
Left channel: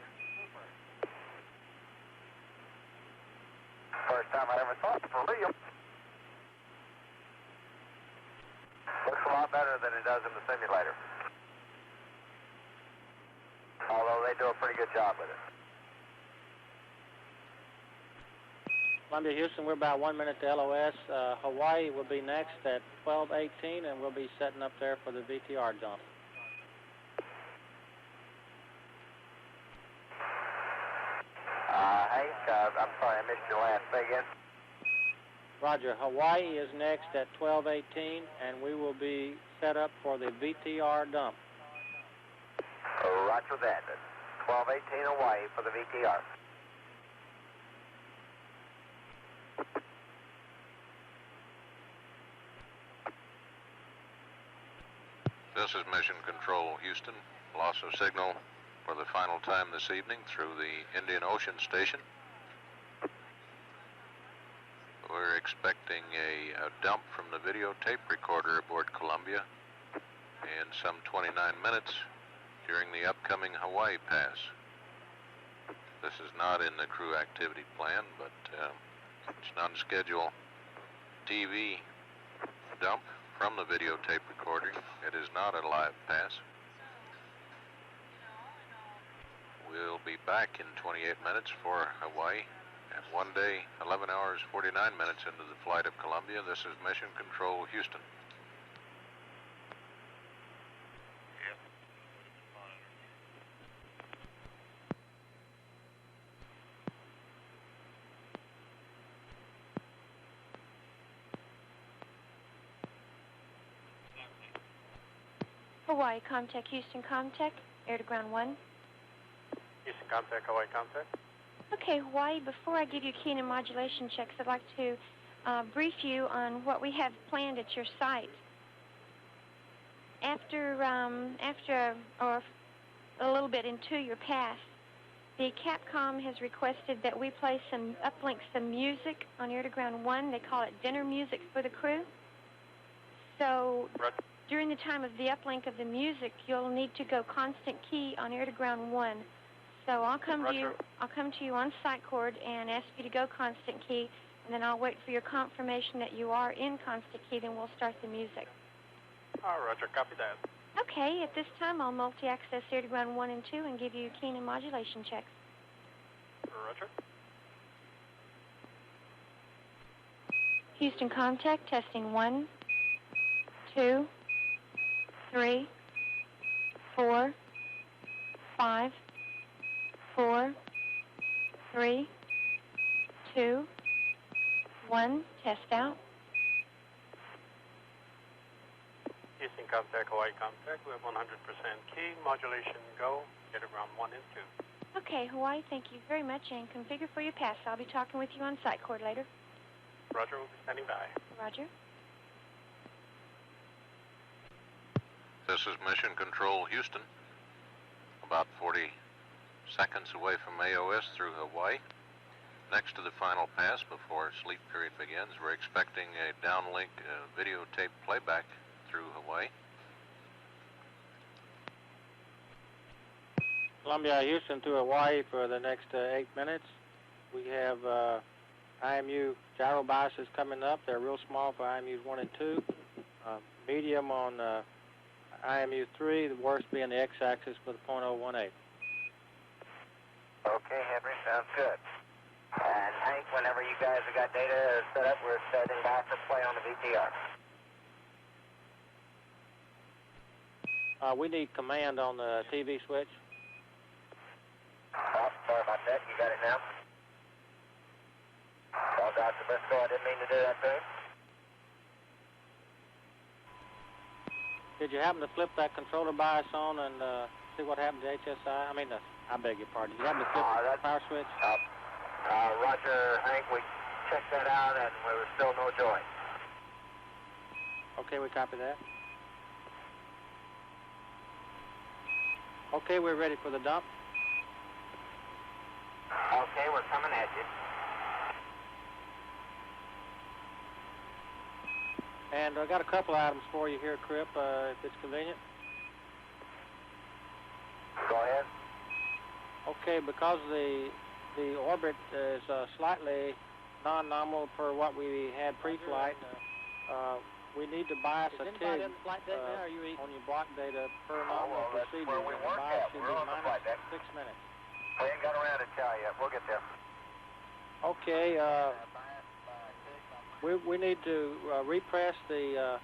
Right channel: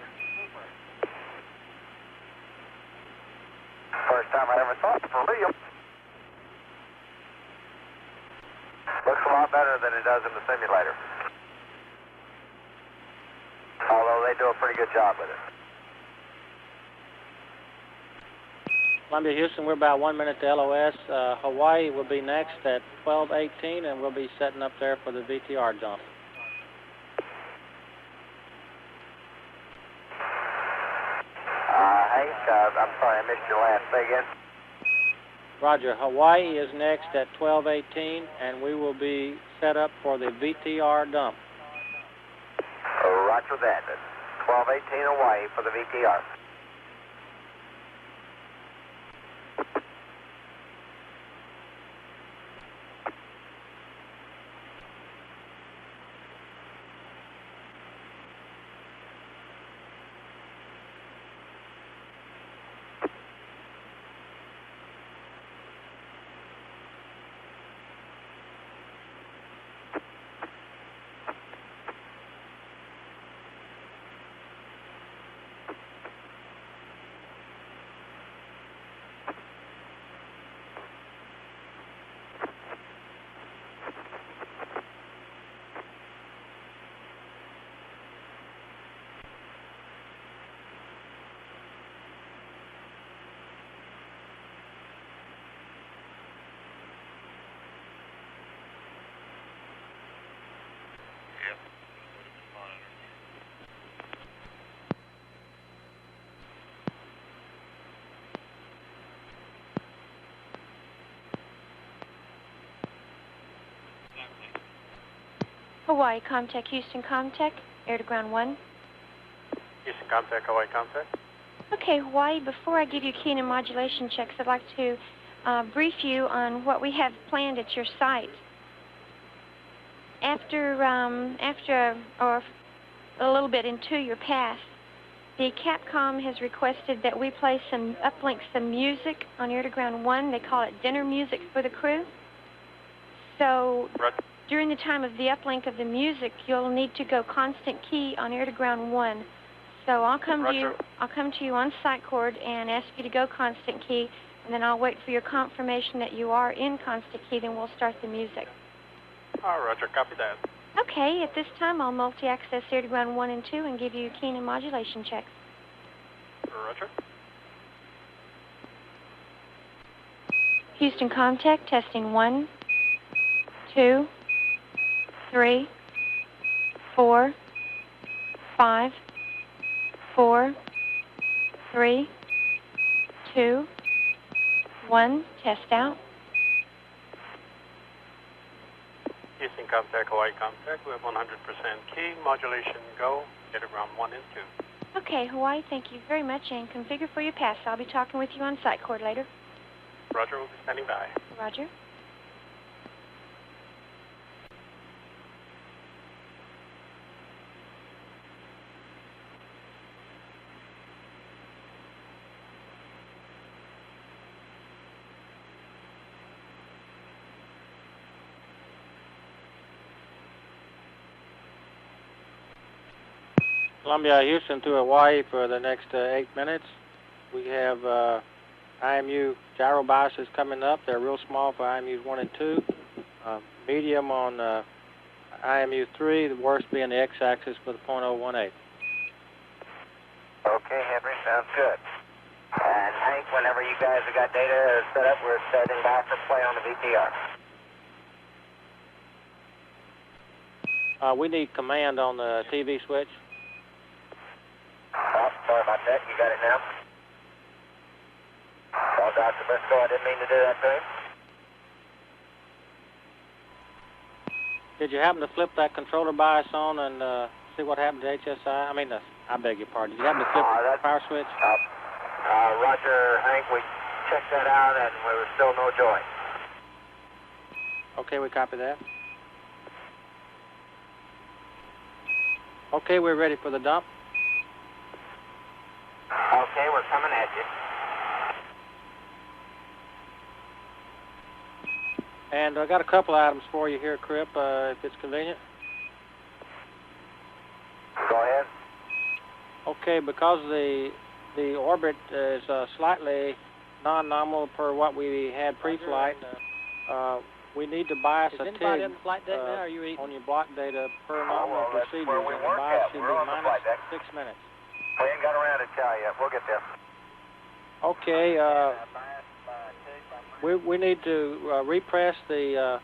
First time I ever saw it for real. Looks a lot better than it does in the simulator. Although they do a pretty good job with it. Columbia, Houston, we're about 1 minute to LOS. Hawaii will be next at 12:18, and we'll be setting up there for the VTR dump. Hank, I'm sorry, I missed your last. Say again. Roger. Hawaii is next at 12:18, and we will be set up for the VTR dump. Roger that. 12:18 Hawaii for the VTR. This is Mission Control, Houston. Loss of signal for the final time this evening through the Indian Ocean Station. We're expecting a dump from the videotape recorder aboard Columbia in some 29 minutes during the upcoming Hawaii pass. This is not in the crew activity plan, but it's an on-schedule TV dump from the videotape recorder. It is not a live pass. We'll be back in 28 minutes for Hawaii. And one day, 11 hours, 49 minutes into the flight of Columbia. This is Mission Control, Houston. Hawaii, Comtech, Houston, Comtech, air to ground 1. Houston, Comtech, Hawaii, Comtech. Okay, Hawaii, before I give you key and modulation checks, I'd like to brief you on what we have planned at your site. After or a little bit into your path, The Capcom has requested that we play uplink some music on Air to Ground 1. They call it dinner music for the crew. So during the time of the uplink of the music, you'll need to go constant key on Air to Ground 1. So I'll come to you on sight cord and ask you to go constant key, and then I'll wait for your confirmation that you are in constant key, then we'll start the music. Roger, copy that. Okay, at this time I'll multi-access Air to Ground 1 and 2 and give you key and modulation checks. Roger. Houston contact, testing 1, 2, 3, 4, 5, 4, 3, 2, 1, test out. Houston contact, Hawaii contact. We have 100% key, modulation go, Air to Ground 1 and 2. Okay, Hawaii, thank you very much, and configure for your pass. I'll be talking with you on sight cord later. Roger, we'll be standing by. Roger. This is Mission Control Houston. About 40 seconds away from AOS through Hawaii. Next to the final pass before sleep period begins, we're expecting a downlink videotape playback through Hawaii. Columbia, Houston to Hawaii for the next 8 minutes. We have IMU gyro biases coming up. They're real small for IMUs 1 and 2. Medium on IMU 3, the worst being the x-axis for the .018. Okay, Henry, sounds good. And Hank, whenever you guys have got data set up, we're starting back for play on the VTR. We need command on the TV switch. Oh, sorry about that. You got it now? Well, Dr. Briscoe, I didn't mean to do that to him. Did you happen to flip that controller bias on and see what happened to HSI? I mean, I beg your pardon. Did you happen to flip the power switch? Roger, Hank, we checked that out and there was still no joy. Okay, we copy that. Okay, we're ready for the dump. Okay, we're coming at you. And I got a couple items for you here, Cripp, if it's convenient. Go ahead. Okay, because the orbit is slightly non-nominal per what we had pre-flight, we need to bias a TIG on your block data per nominal procedure. Where we and the work bias at. should We're be on the flight deck. -6 minutes. We ain't got around to chow yet. We'll get there. Okay, we need to repress the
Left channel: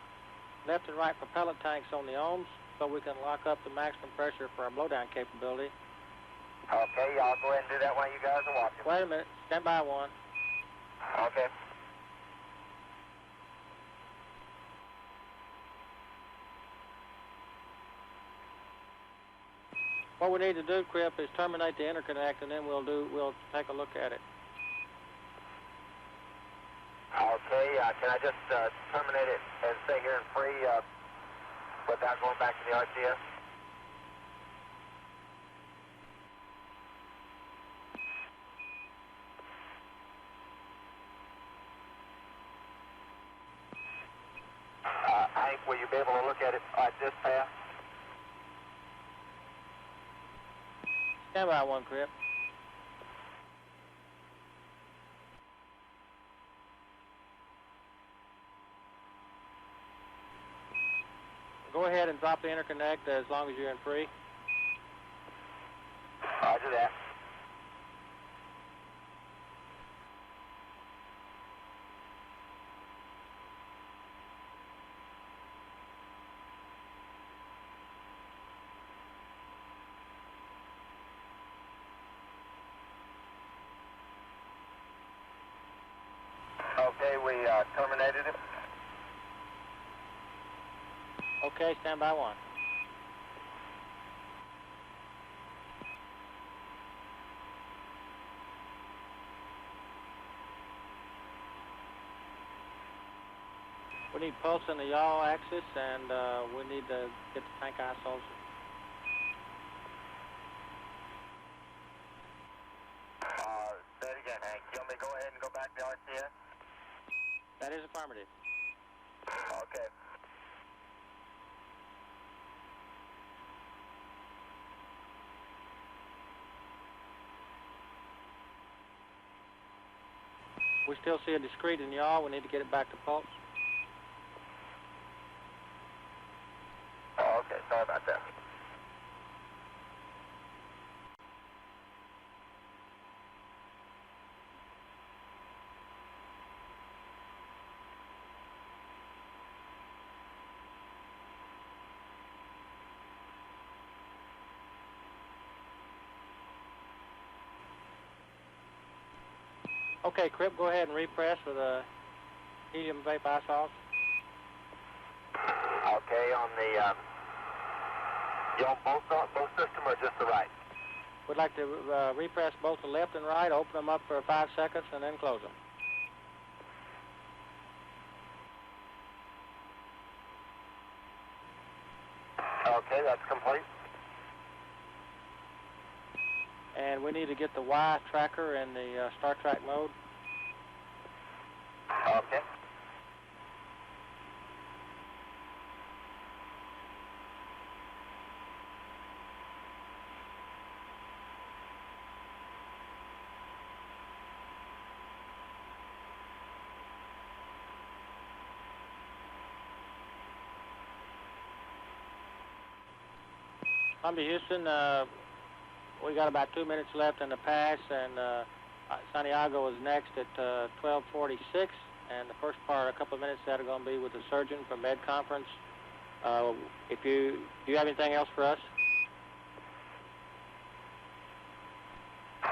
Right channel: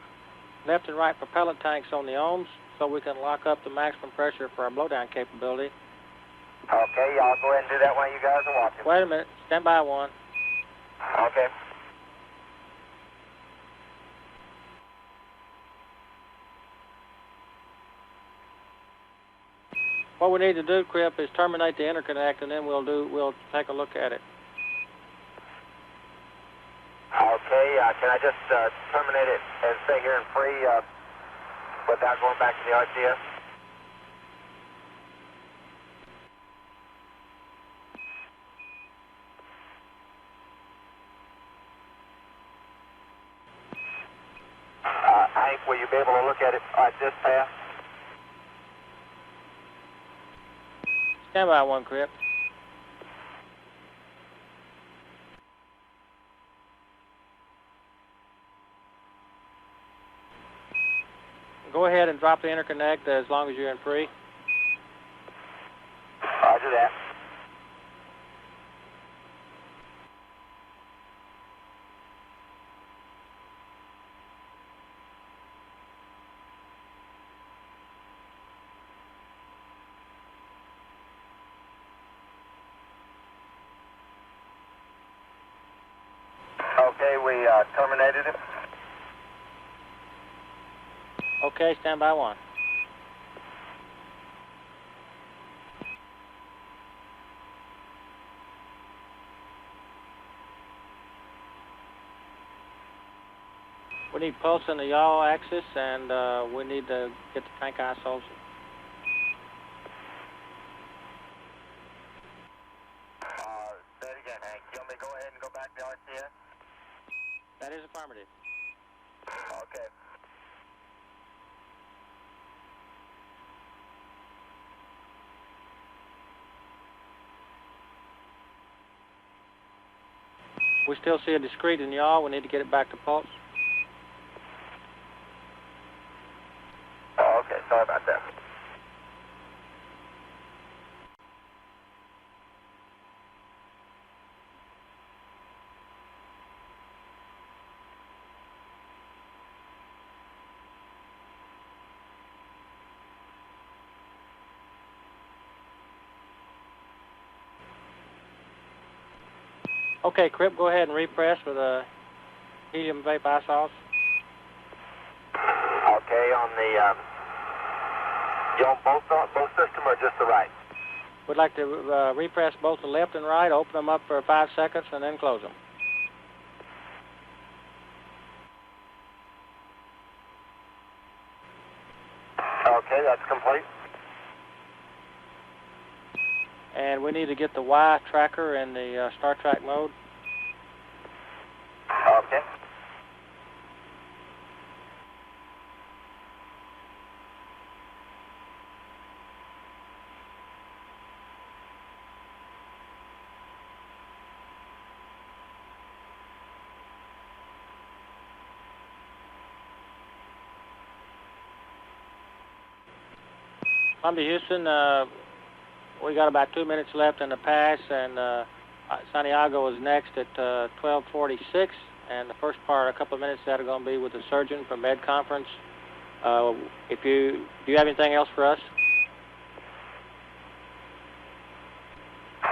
left and right propellant tanks on the ohms so we can lock up the maximum pressure for our blowdown capability. Okay, I'll go ahead and do that while you guys are watching. Wait a minute. Stand by one. Okay. What we need to do, Cripp, is terminate the interconnect, and then we'll take a look at it. Okay, can I just terminate it and stay here and free without going back to the RCS? Hank, will you be able to look at it at this pass? Stand by one, Cripp. Go ahead and drop the interconnect as long as you're in free. Roger that. Okay, we terminated it. Okay, stand by one. We need pulse in the yaw axis, and we need to get the tank isols. back the RCS? That is affirmative. Okay. We still see a discrete in yaw. We need to get it back to pulse. Oh, okay, sorry about that. Okay, Cripp, go ahead and repress with a helium vape isols. Okay, on the, you on both system or just the right? We'd like to repress both the left and right, open them up for 5 seconds, and then close them. Okay, that's complete. And we need to get the Y tracker in the Star Trek mode. Okay. Columbia, Houston, we got about 2 minutes left in the pass, and Santiago is next at 12:46, and the first part, a couple of minutes, that are going to be with the surgeon from Med Conference. Do you have anything else for us?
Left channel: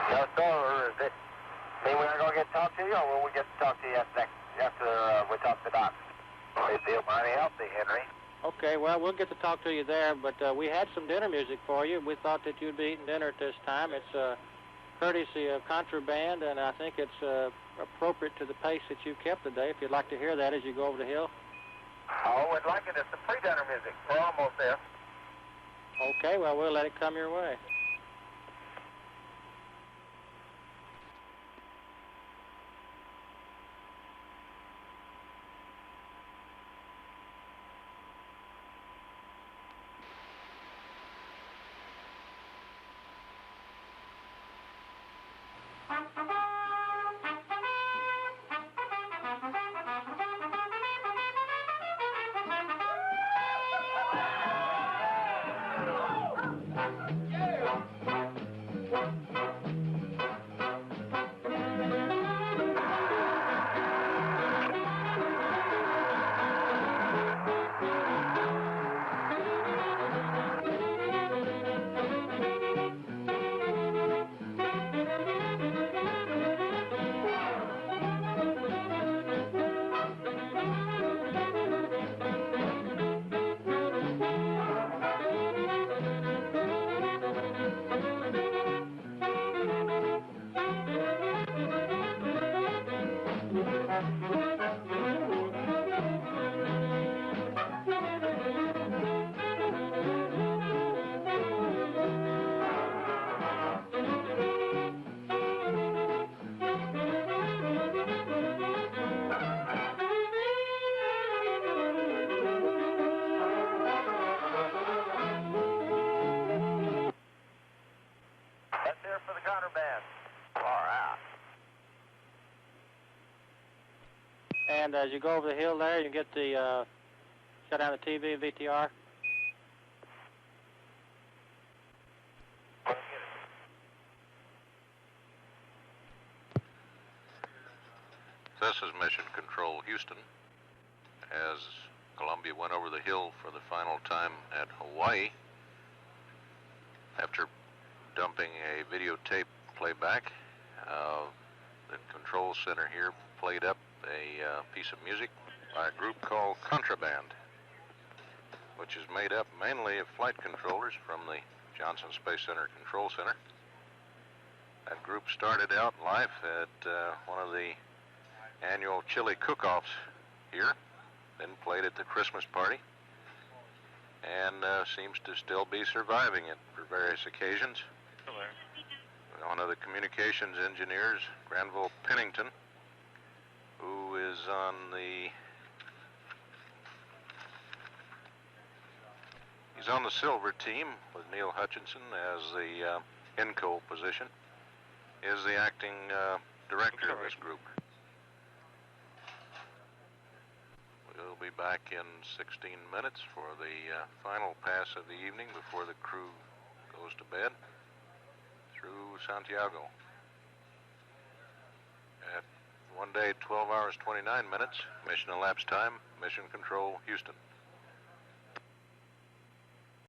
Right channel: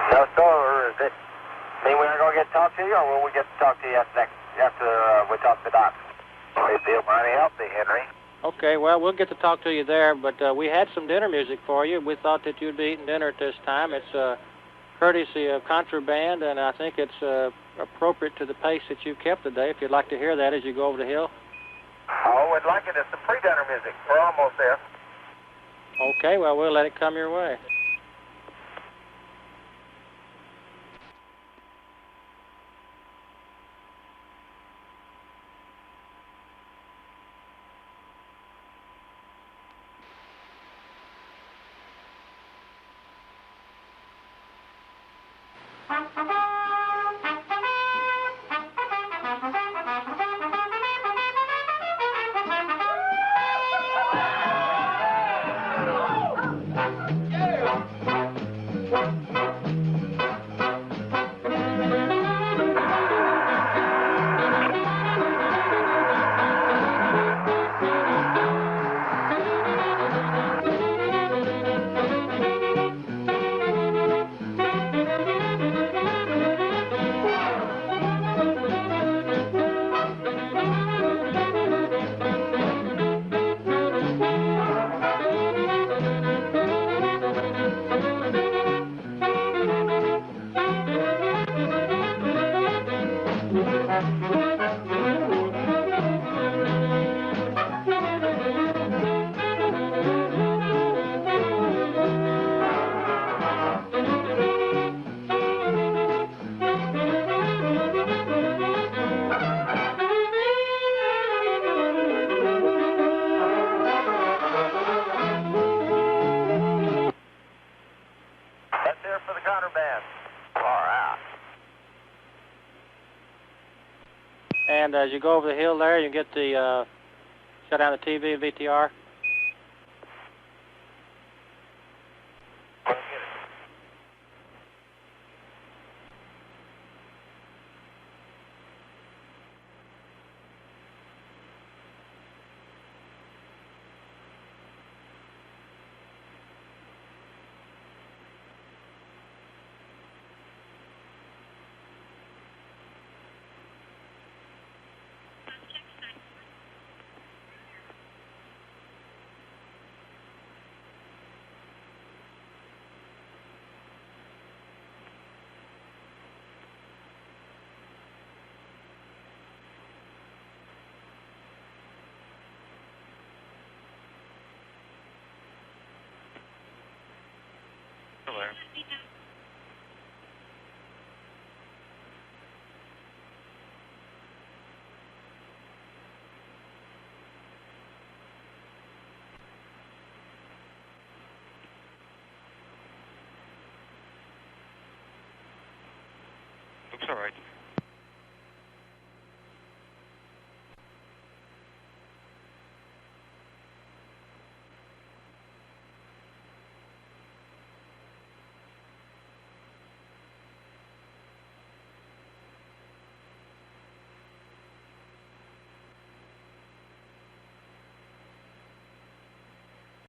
No, sir. Is it mean we're going to get to talk to you, or will we get to talk to you after we talk to the doctor? We feel mighty healthy, Henry. Okay, well, we'll get to talk to you there, but we had some dinner music for you. We thought that you'd be eating dinner at this time. It's courtesy of ContraBand, and I think it's appropriate to the pace that you kept today, if you'd like to hear that as you go over the hill. Oh, we'd like it. It's the pre-dinner music. We're almost there. Okay, well, we'll let it come your way. And as you go over the hill there, you get the shut down the TV and VTR. This is Mission Control Houston. As Columbia went over the hill for the final time at Hawaii, after dumping a videotape playback, the control center here played up a piece of music by a group called ContraBand, which is made up mainly of flight controllers from the Johnson Space Center Control Center. That group started out life at one of the annual chili cook-offs here, then played at the Christmas party, and seems to still be surviving it for various occasions. Hello. One of the communications engineers, Granville Pennington, is on the... He's on the silver team with Neil Hutchinson as the INCO position. Is the acting director of this group. We'll be back in 16 minutes for the final pass of the evening before the crew goes to bed through Santiago. At 1 day, 12 hours, 29 minutes, mission elapsed time, Mission Control, Houston.